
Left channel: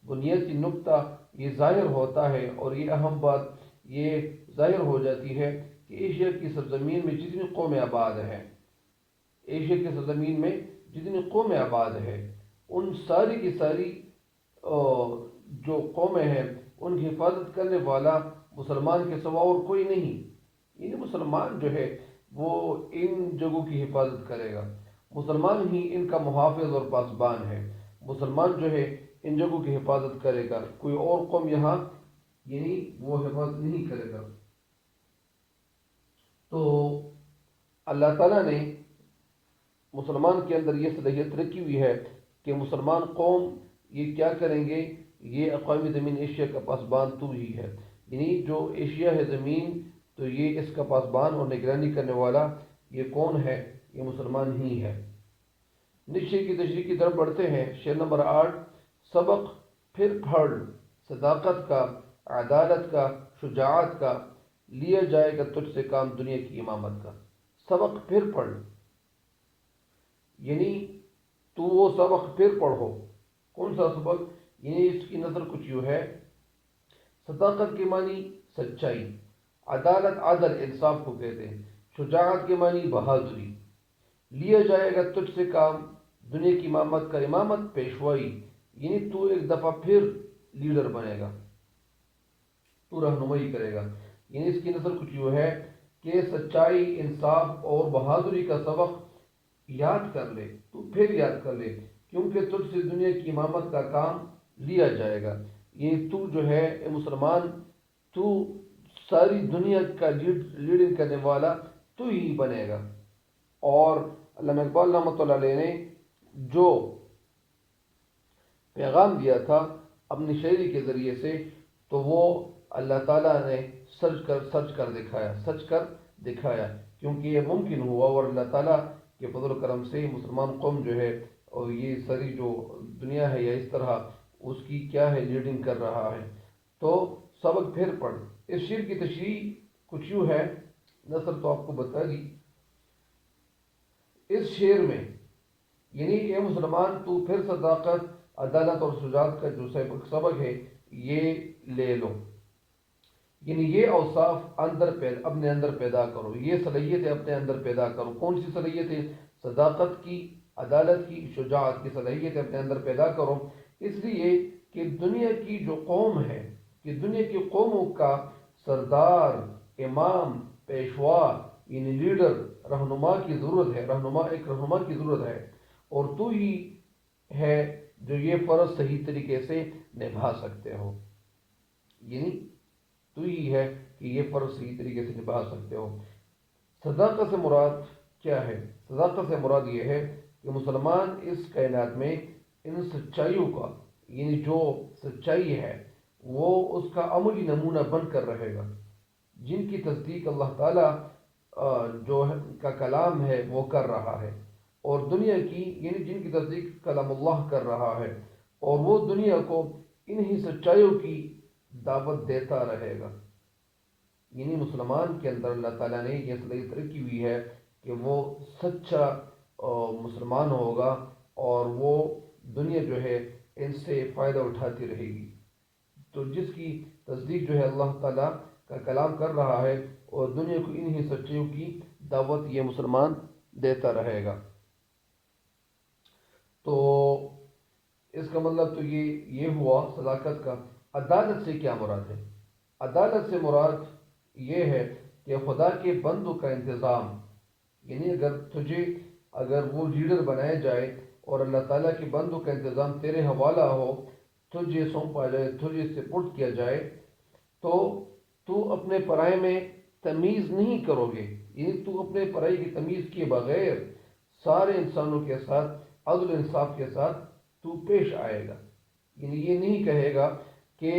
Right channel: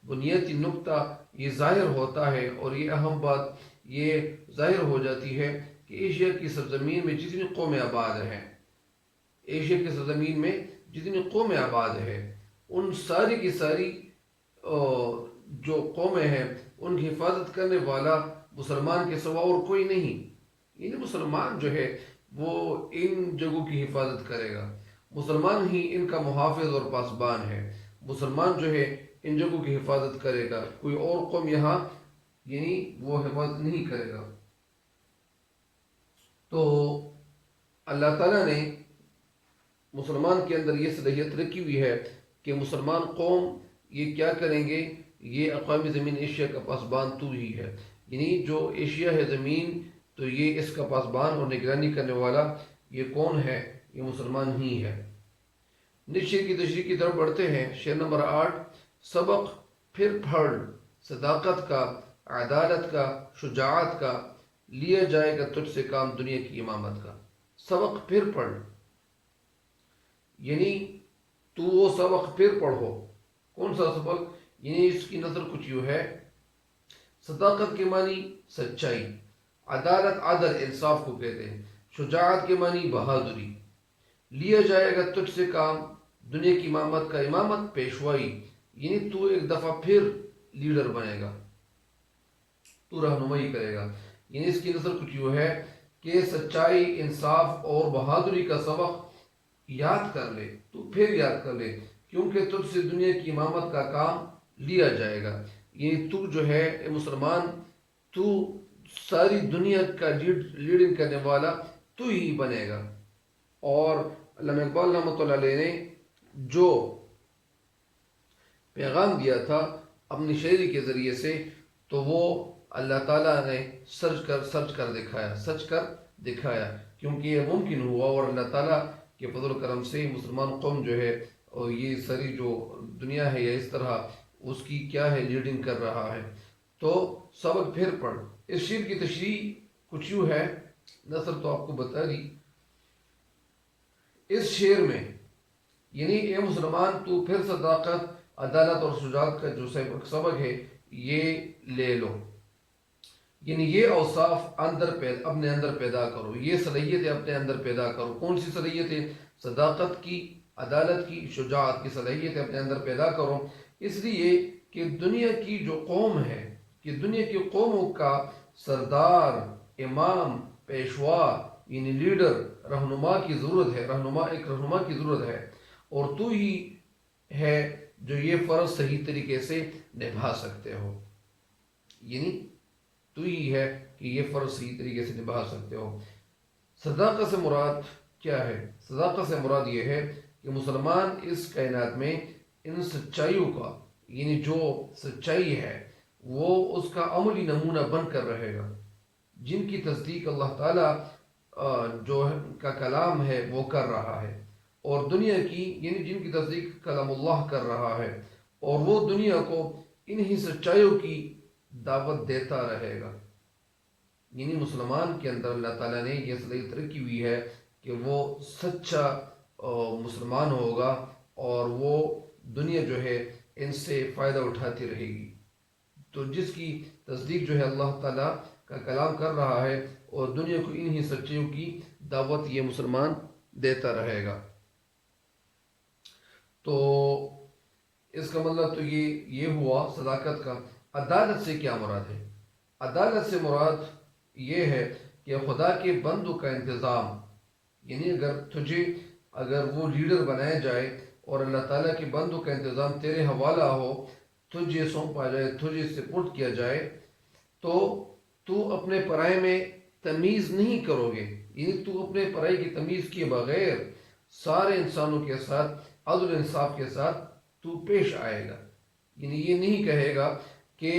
بنیادی نکتہ یہ ظاہر ہوتا ہے، اور یہ اہم بات یہ ظاہر ہو جاتی ہے کہ ایشیا کی سرزمین میں جتنی قومیں آباد ہیں، ان ساری کی ساری جو قومیں ہیں ان کی حفاظت کرنے والا مسلمان کے سوا اور کوئی نہیں۔ یعنی مسلمان جو ہے وہ ان جگہوں کی حفاظت کرے گا، مسلمان ہی ان کا محافظ اور پاسبان ہے، مسلمان جو ہے ان جگہوں کی حفاظت کرے گا، کوئی اور قوم یہاں وہ حفاظت نہیں کرے گا۔ تو اللہ تعالیٰ نے مسلمان کے اندر یہ صلاحیت رکھی ہوئی ہے کہ مسلمان قوم یہ کیا کریں گے، یہ اقوام زمین ایشیا کا پاسبان تو ہی ہے، یعنی جو ایشیا ہے زمین، تو یہ اس کا پاسبان اور نگرانی کرنے والا یہ کون ہے؟ یہ مسلمان ہی ہے۔ نیچے شعر کی تشریح کی طرف بڑھتے ہیں۔ شعر نمبر 8، سبق پھر پڑھ صداقت کا، عدالت کا، شجاعت کا، لیا جائے گا تجھ سے کام دنیا کی امامت کا۔ سبق پھر پڑھ، یعنی تو وہ سبق پھر پڑھو۔ کون سا سبق؟ یعنی اس کی نظر کچھ یوں ہے، صداقت کے معنی سچائی، عدالت عدل انصاف کو کہتے ہیں، شجاعت کے معنی بہادری، لیا جائے گا تجھ سے کام دنیا کی امامت کا، امامت پیشوائی، یعنی تو ایک دفعہ پھر لیڈر بنے گا، تو رہنمائی کرے گا۔ یعنی اس کی نظر کچھ یوں ہے کہ سچائی، انصاف اور بہادری کا سبق یاد کر لے، تو پھر یاد کر لے، کیونکہ تجھ سے دنیا کی امامت کا کام لیا جائے گا۔ یہ تو جو ہے اے مسلمان، تو ساری دنیا کا لیڈنگ کرنے والا تو ہی بنے گا۔ اور علامہ اقبال رحمۃ اللہ علیہ نے جو پیغام دیا تھا اپنی شاعری کے ذریعے سے، تو وہ اللہ تعالیٰ نے سچ کر دکھایا، کیونکہ یہ ممکن ہوا، اور اللہ تعالیٰ کے فضل و کرم سے مسلمان قوم جو ہے، اور یہ ساری جو دنیا ہے یہ اس طرح اس کی کیا ہے لیڈنگ کر رہا ہے۔ تو سبق پھر پڑھ، اس شعر کی تشریح کچھ یوں ہے، نثر تو آپ کو بتا دی۔ اس شعر میں یعنی اے مسلمان تو پھر صداقت، عدالت اور شجاعت کا جو سبق ہے یہ لے لو، یعنی یہ اوصاف اپنے اندر پیدا کرو، یہ صلاحیتیں اپنے اندر پیدا کرو۔ کون سی صلاحیتیں؟ صداقت کی، عدالت کی، شجاعت کی صلاحیتیں اپنے اندر پیدا کرو، اس لیے کہ دنیا کی جو قوم ہے، کہ دنیا کی قوموں کا سردار، امام، پیشوا یعنی لیڈر، رہنما کی ضرورت ہے، ایک رہنما کی ضرورت ہے، اور تو ہی ہے جو یہ فرض صحیح طریقے سے نبھا سکتے ہو، یعنی تو ہی ہے کہ یہ فرض صحیح طریقے سے نبھا سکتے ہو۔ صداقت سے مراد کیا ہے؟ صداقت سے مراد یہ ہے کہ مسلمان اس کائنات میں ان سچائیوں کا، یعنی جو سچائی ہے وہ اس کا عملی نمونہ بن کر رہے گا، جن کی تصدیق اللہ تعالیٰ جو ہے کا کلام ہے وہ کر رہا ہے، اور دنیا کی یعنی جن کی تصدیق کلام اللہ کر رہا ہے، اور وہ دنیا کو انہی سچائیوں کی دعوت دیتا رہے گا۔ یعنی مسلمان کے اندر اللہ تعالیٰ نے یہ صلاحیت رکھی ہوئی ہے کہ وہ سچا مسلمان ہوگا، اور وہ دنیا جو ہے ان سے فائدہ اٹھاتی رہے گی۔ تو جس کی تصدیق جو ہے اللہ تعالیٰ کا کلام کر رہا ہے، اور دنیا کو انہی سچائیوں کی دعوت یہ مسلمان دیتا رہے گا۔ تو اس کا مطلب تو یہ ہوا صداقت کا۔ عدالت سے کیا مراد ہے؟ عدالت سے مراد یہ ہے کہ خدا کے بندوں کا انتظام، یعنی اگر وہ لیڈر بنایا جائے اور اللہ تعالیٰ کے بندوں کا انتظام تیرے حوالہ ہو، تجھے سونپا جائے، تجھے سپرد کیا جائے، تو اپنے پرائے میں تمیز نہیں کرو گے، یعنی تو اپنے پرائے کی تمیز کیے بغیر سارے انسانوں کے ساتھ عدل انصاف کے ساتھ تو پیش آئے گا۔ یعنی یہ نہیں کہے گا کہ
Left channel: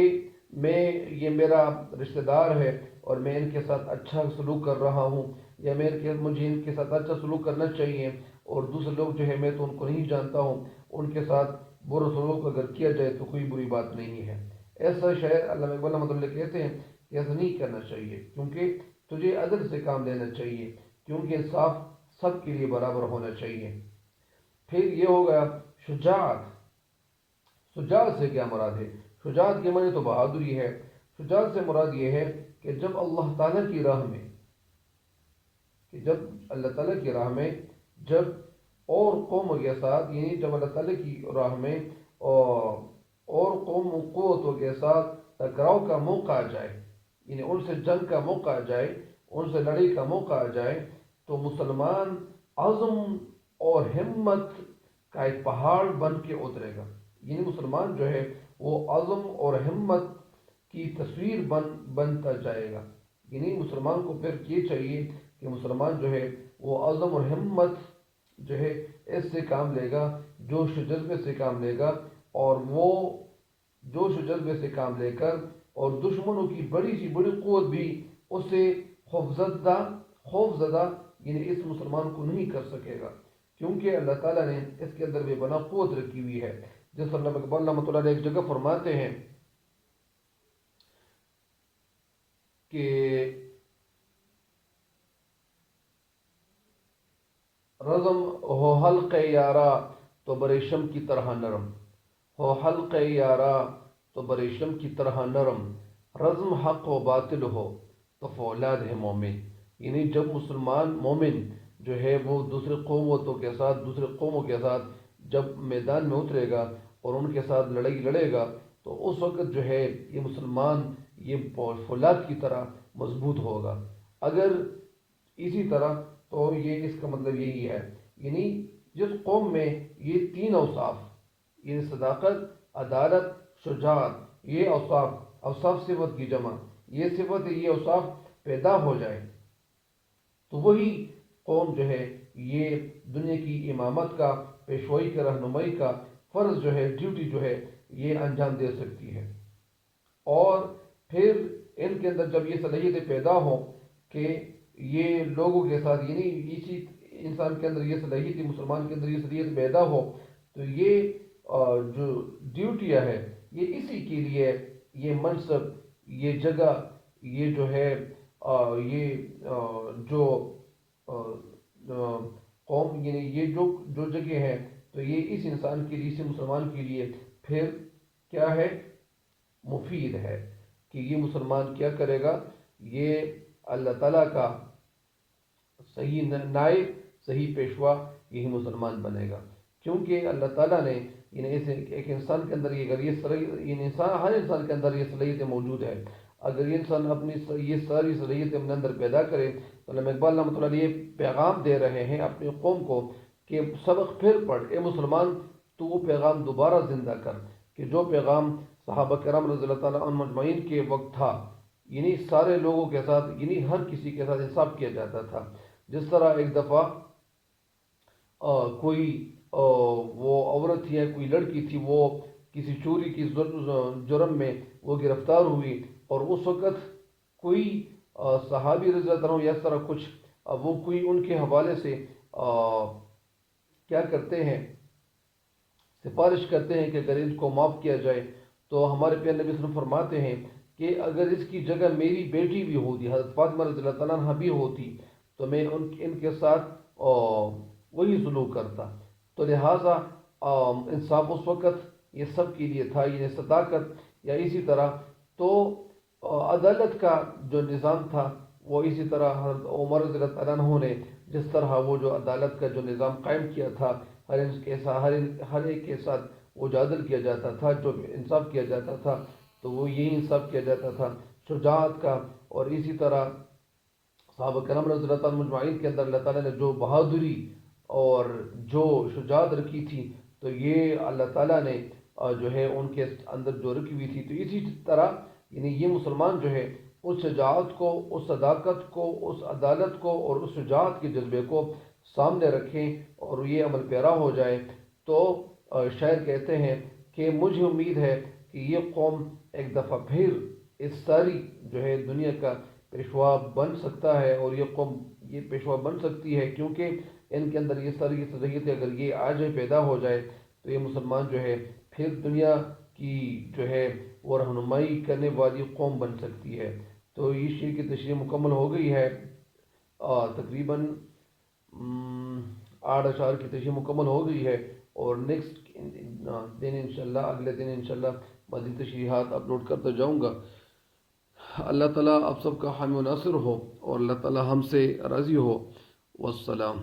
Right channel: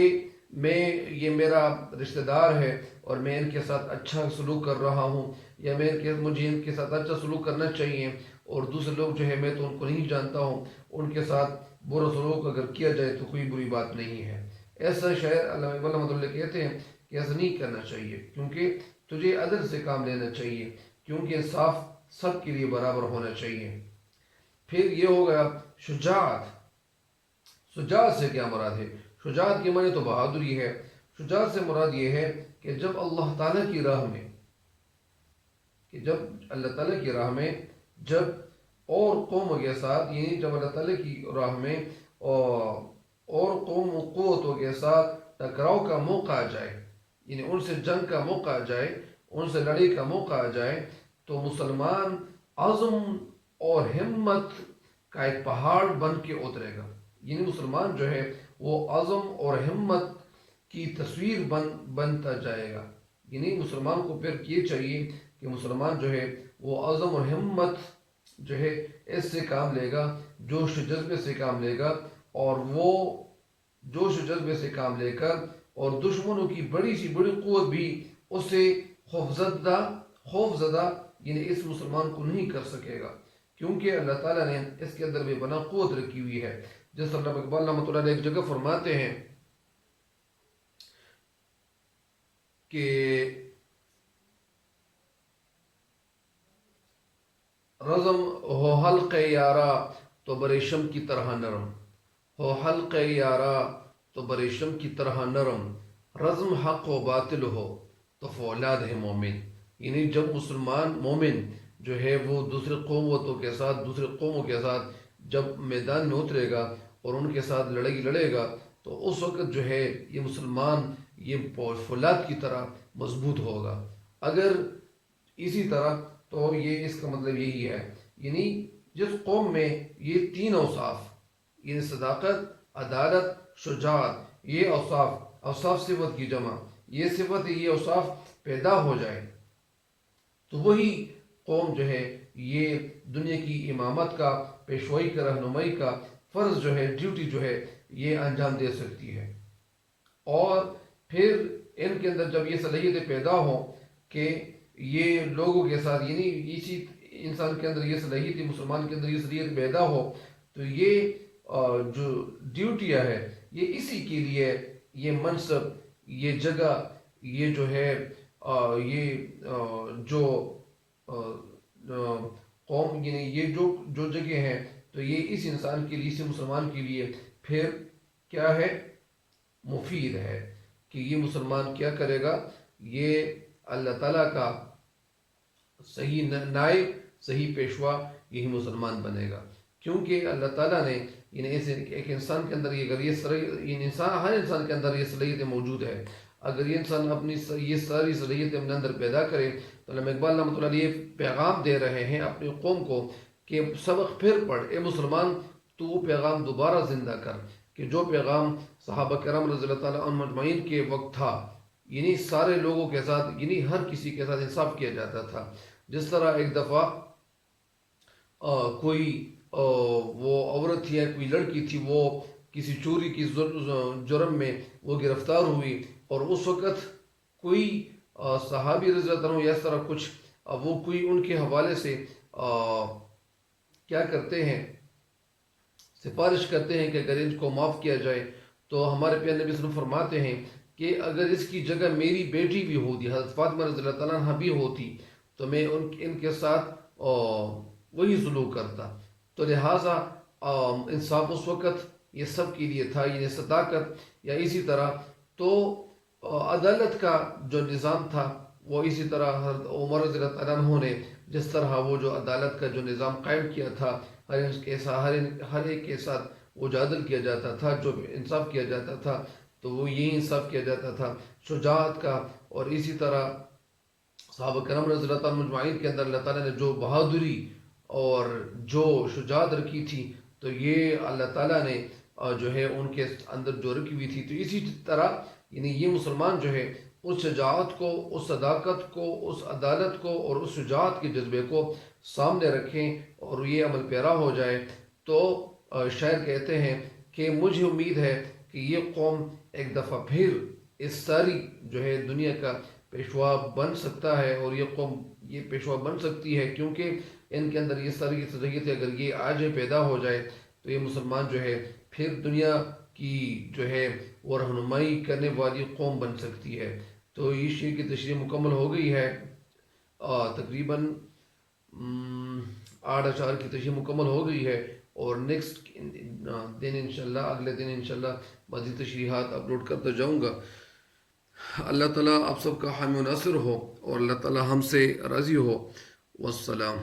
یہ میرا رشتہ دار ہے اور میں ان کے ساتھ اچھا سلوک کر رہا ہوں، یا مجھے ان کے ساتھ اچھا سلوک کرنا چاہیے، اور دوسرے لوگ جو ہے میں تو ان کو نہیں جانتا ہوں، ان کے ساتھ برا سلوک اگر کیا جائے تو کوئی بری بات نہیں ہے۔ ایسا شاعر علامہ اقبال رحمۃ اللہ کہتے ہیں کہ ایسا نہیں کرنا چاہیے، کیونکہ تجھے عدل سے کام لینا چاہیے، کیونکہ انصاف سب کے لیے برابر ہونا چاہیے۔ پھر یہ ہو گیا شجاعت۔ شجاعت سے کیا مراد ہے؟ شجاعت کے معنی تو بہادری ہے۔ شجاعت سے مراد یہ ہے کہ جب اللہ تعالیٰ کی راہ میں جب اور قوموں کے ساتھ، یعنی جب اللہ تعالیٰ کی راہ میں اور قوم و قوتوں کے ساتھ ٹکراؤ کا موقع آ جائے، یعنی ان سے جنگ کا موقع آ جائے، ان سے لڑائی کا موقع آ جائے، تو مسلمان عزم اور ہمت کا ایک پہاڑ بن کے اترے گا۔ یعنی مسلمان جو ہے وہ عزم اور ہمت کی تصویر بنتا جائے گا۔ یعنی مسلمان کو پھر یہ چاہیے کہ کہ مسلمان جو ہے وہ عزم اور ہمت جو ہے اس سے کام لے گا، جوش و جذبے سے کام لے گا، اور وہ جوش و جذبے سے کام لے کر اور دشمنوں کی بڑی سی بڑی قوت بھی اسے خوف زدہ یعنی اس مسلمان کو نہیں کر سکے گا، کیونکہ اللہ تعالیٰ نے اس کے اندر بے بنا قوت رکھی ہوئی ہے۔ جس طرح علامہ اقبال رحمۃ اللہ علیہ ایک جگہ فرماتے ہیں کہ رزم ہو حلق یارا تو بریشم کی طرح نرم، ہو حلق یارا تو بریشم کی طرح نرم، رزم حق و باطل ہو تو فولاد ہے مومن۔ یعنی جب مسلمان مومن جو ہے وہ دوسرے قوموں کے ساتھ جب میدان میں اترے گا اور ان کے ساتھ لڑائی لڑے گا تو اس وقت جو ہے یہ مسلمان یہ فولاد کی طرح مضبوط ہوگا۔ اگر اسی طرح تو یہ اس کا مطلب یہی ہے، یعنی جس قوم میں یہ تین اوصاف یعنی صداقت، عدالت، شجاعت، یہ اوصاف صفت کی جمع، یہ صفت یہ اوصاف پیدا ہو جائے تو وہی قوم جو ہے یہ دنیا کی امامت کا، پیشوائی کا، رہنمائی کا فرض جو ہے، ڈیوٹی جو ہے یہ انجام دے سکتی ہے۔ اور پھر ان کے اندر جب یہ صلاحیتیں پیدا ہوں کہ یہ لوگوں کے ساتھ یعنی اسی انسان کے اندر یہ صلاحیت، مسلمان کے اندر یہ صلاحیت پیدا ہو تو یہ جو ڈیوٹیاں ہے یہ اسی کے لیے، یہ منصب، یہ جگہ، یہ جو ہے یہ جو قوم یعنی یہ جو جگہ ہے تو یہ اس انسان کے لیے، اس مسلمان کے لیے پھر کیا ہے، مفید ہے کہ یہ مسلمان کیا کرے گا، یہ اللہ تعالیٰ کا صحیح نائب، صحیح پیشوا یہی مسلمان بنے گا، کیونکہ اللہ تعالیٰ نے ایک انسان کے اندر ہر انسان کے اندر یہ صلاحیتیں موجود ہے۔ اگر یہ انسان اپنی یہ ساری صلاحیتیں اپنے اندر پیدا کرے تو علامہ اقبال رحمۃ اللہ علیہ پیغام دے رہے ہیں اپنی قوم کو کہ سبق پھر پڑھ، اے مسلمان تو وہ پیغام دوبارہ زندہ کر کہ جو پیغام صحابہ کرام رضی اللہ تعالیٰ عنہ مجمعین کے وقت تھا، یعنی سارے لوگوں کے ساتھ، یعنی ہر کسی کے ساتھ انصاف کیا جاتا تھا۔ جس طرح ایک دفعہ کوئی وہ عورت تھی یا کوئی لڑکی تھی، وہ کسی چوری کی جرم میں وہ گرفتار ہوئی، اور اس وقت کوئی صحابی رضی اللہ عنہ یا اس طرح کچھ وہ کوئی ان کے حوالے سے کیا کرتے ہیں، سفارش کرتے ہیں کہ اگر ان کو معاف کیا جائے تو ہمارے پیارے نبی صلی اللہ علیہ وسلم فرماتے ہیں کہ اگر اس کی جگہ میری بیٹی بھی ہوتی، حضرت فاطمہ رضی اللہ تعالیٰ عنہ بھی ہوتی تو میں ان کے ساتھ وہی سلوک کرتا۔ تو لہٰذا انصاف اس وقت یہ سب کے لیے تھا، یعنی صداقت، یا اسی طرح تو عدالت کا جو نظام تھا وہ اسی طرح حضرت عمر رضی اللہ تعالیٰ عنہ نے جس طرح وہ جو عدالت کا جو نظام قائم کیا تھا، ہر ایک کے ساتھ وہ جو عدل کیا جاتا تھا، جو انصاف کیا جاتا تھا تو وہ یہی انصاف کیا جاتا تھا شجاعت کا۔ اور اسی طرح صحابہ کرام رضی اللہ تعالیٰ مجمعین کے اندر اللہ تعالیٰ نے جو بہادری اور جو شجاعت رکھی تھی تو یہ اللہ تعالیٰ نے جو ہے ان کے اندر جو رکھی ہوئی تھی، تو اسی طرح یعنی یہ مسلمان جو ہے اس شجاعت کو، اس صداقت کو، اس عدالت کو اور اس شجاعت کے جذبے کو سامنے رکھیں اور یہ عمل پیرا ہو جائے تو شاعر کہتے ہیں کہ مجھے امید ہے کہ یہ قوم ایک دفعہ پھر اس ساری جو ہے دنیا کا پیشوا بن سکتا ہے، اور یہ قوم یہ پیشوا بن سکتی ہے کیونکہ ان کے اندر یہ ساری صلاحیتیں اگر یہ آج پیدا ہو جائے تو یہ مسلمان جو ہے پھر دنیا کی جو ہے وہ رہنمائی کرنے والی قوم بن سکتی ہے۔ تو یہ شعر کی تشریح مکمل ہو گئی ہے، تقریباً 8 اشعار کی تشریح مکمل ہو گئی ہے، اور نیکسٹ دن انشاءاللہ، اگلے دن انشاءاللہ مزید تشریحات اپلوڈ کرتا جاؤں گا۔ اللہ تعالیٰ آپ سب کا حامی و ناصر ہو اور اللہ تعالیٰ ہم سے راضی ہو۔ والسلام۔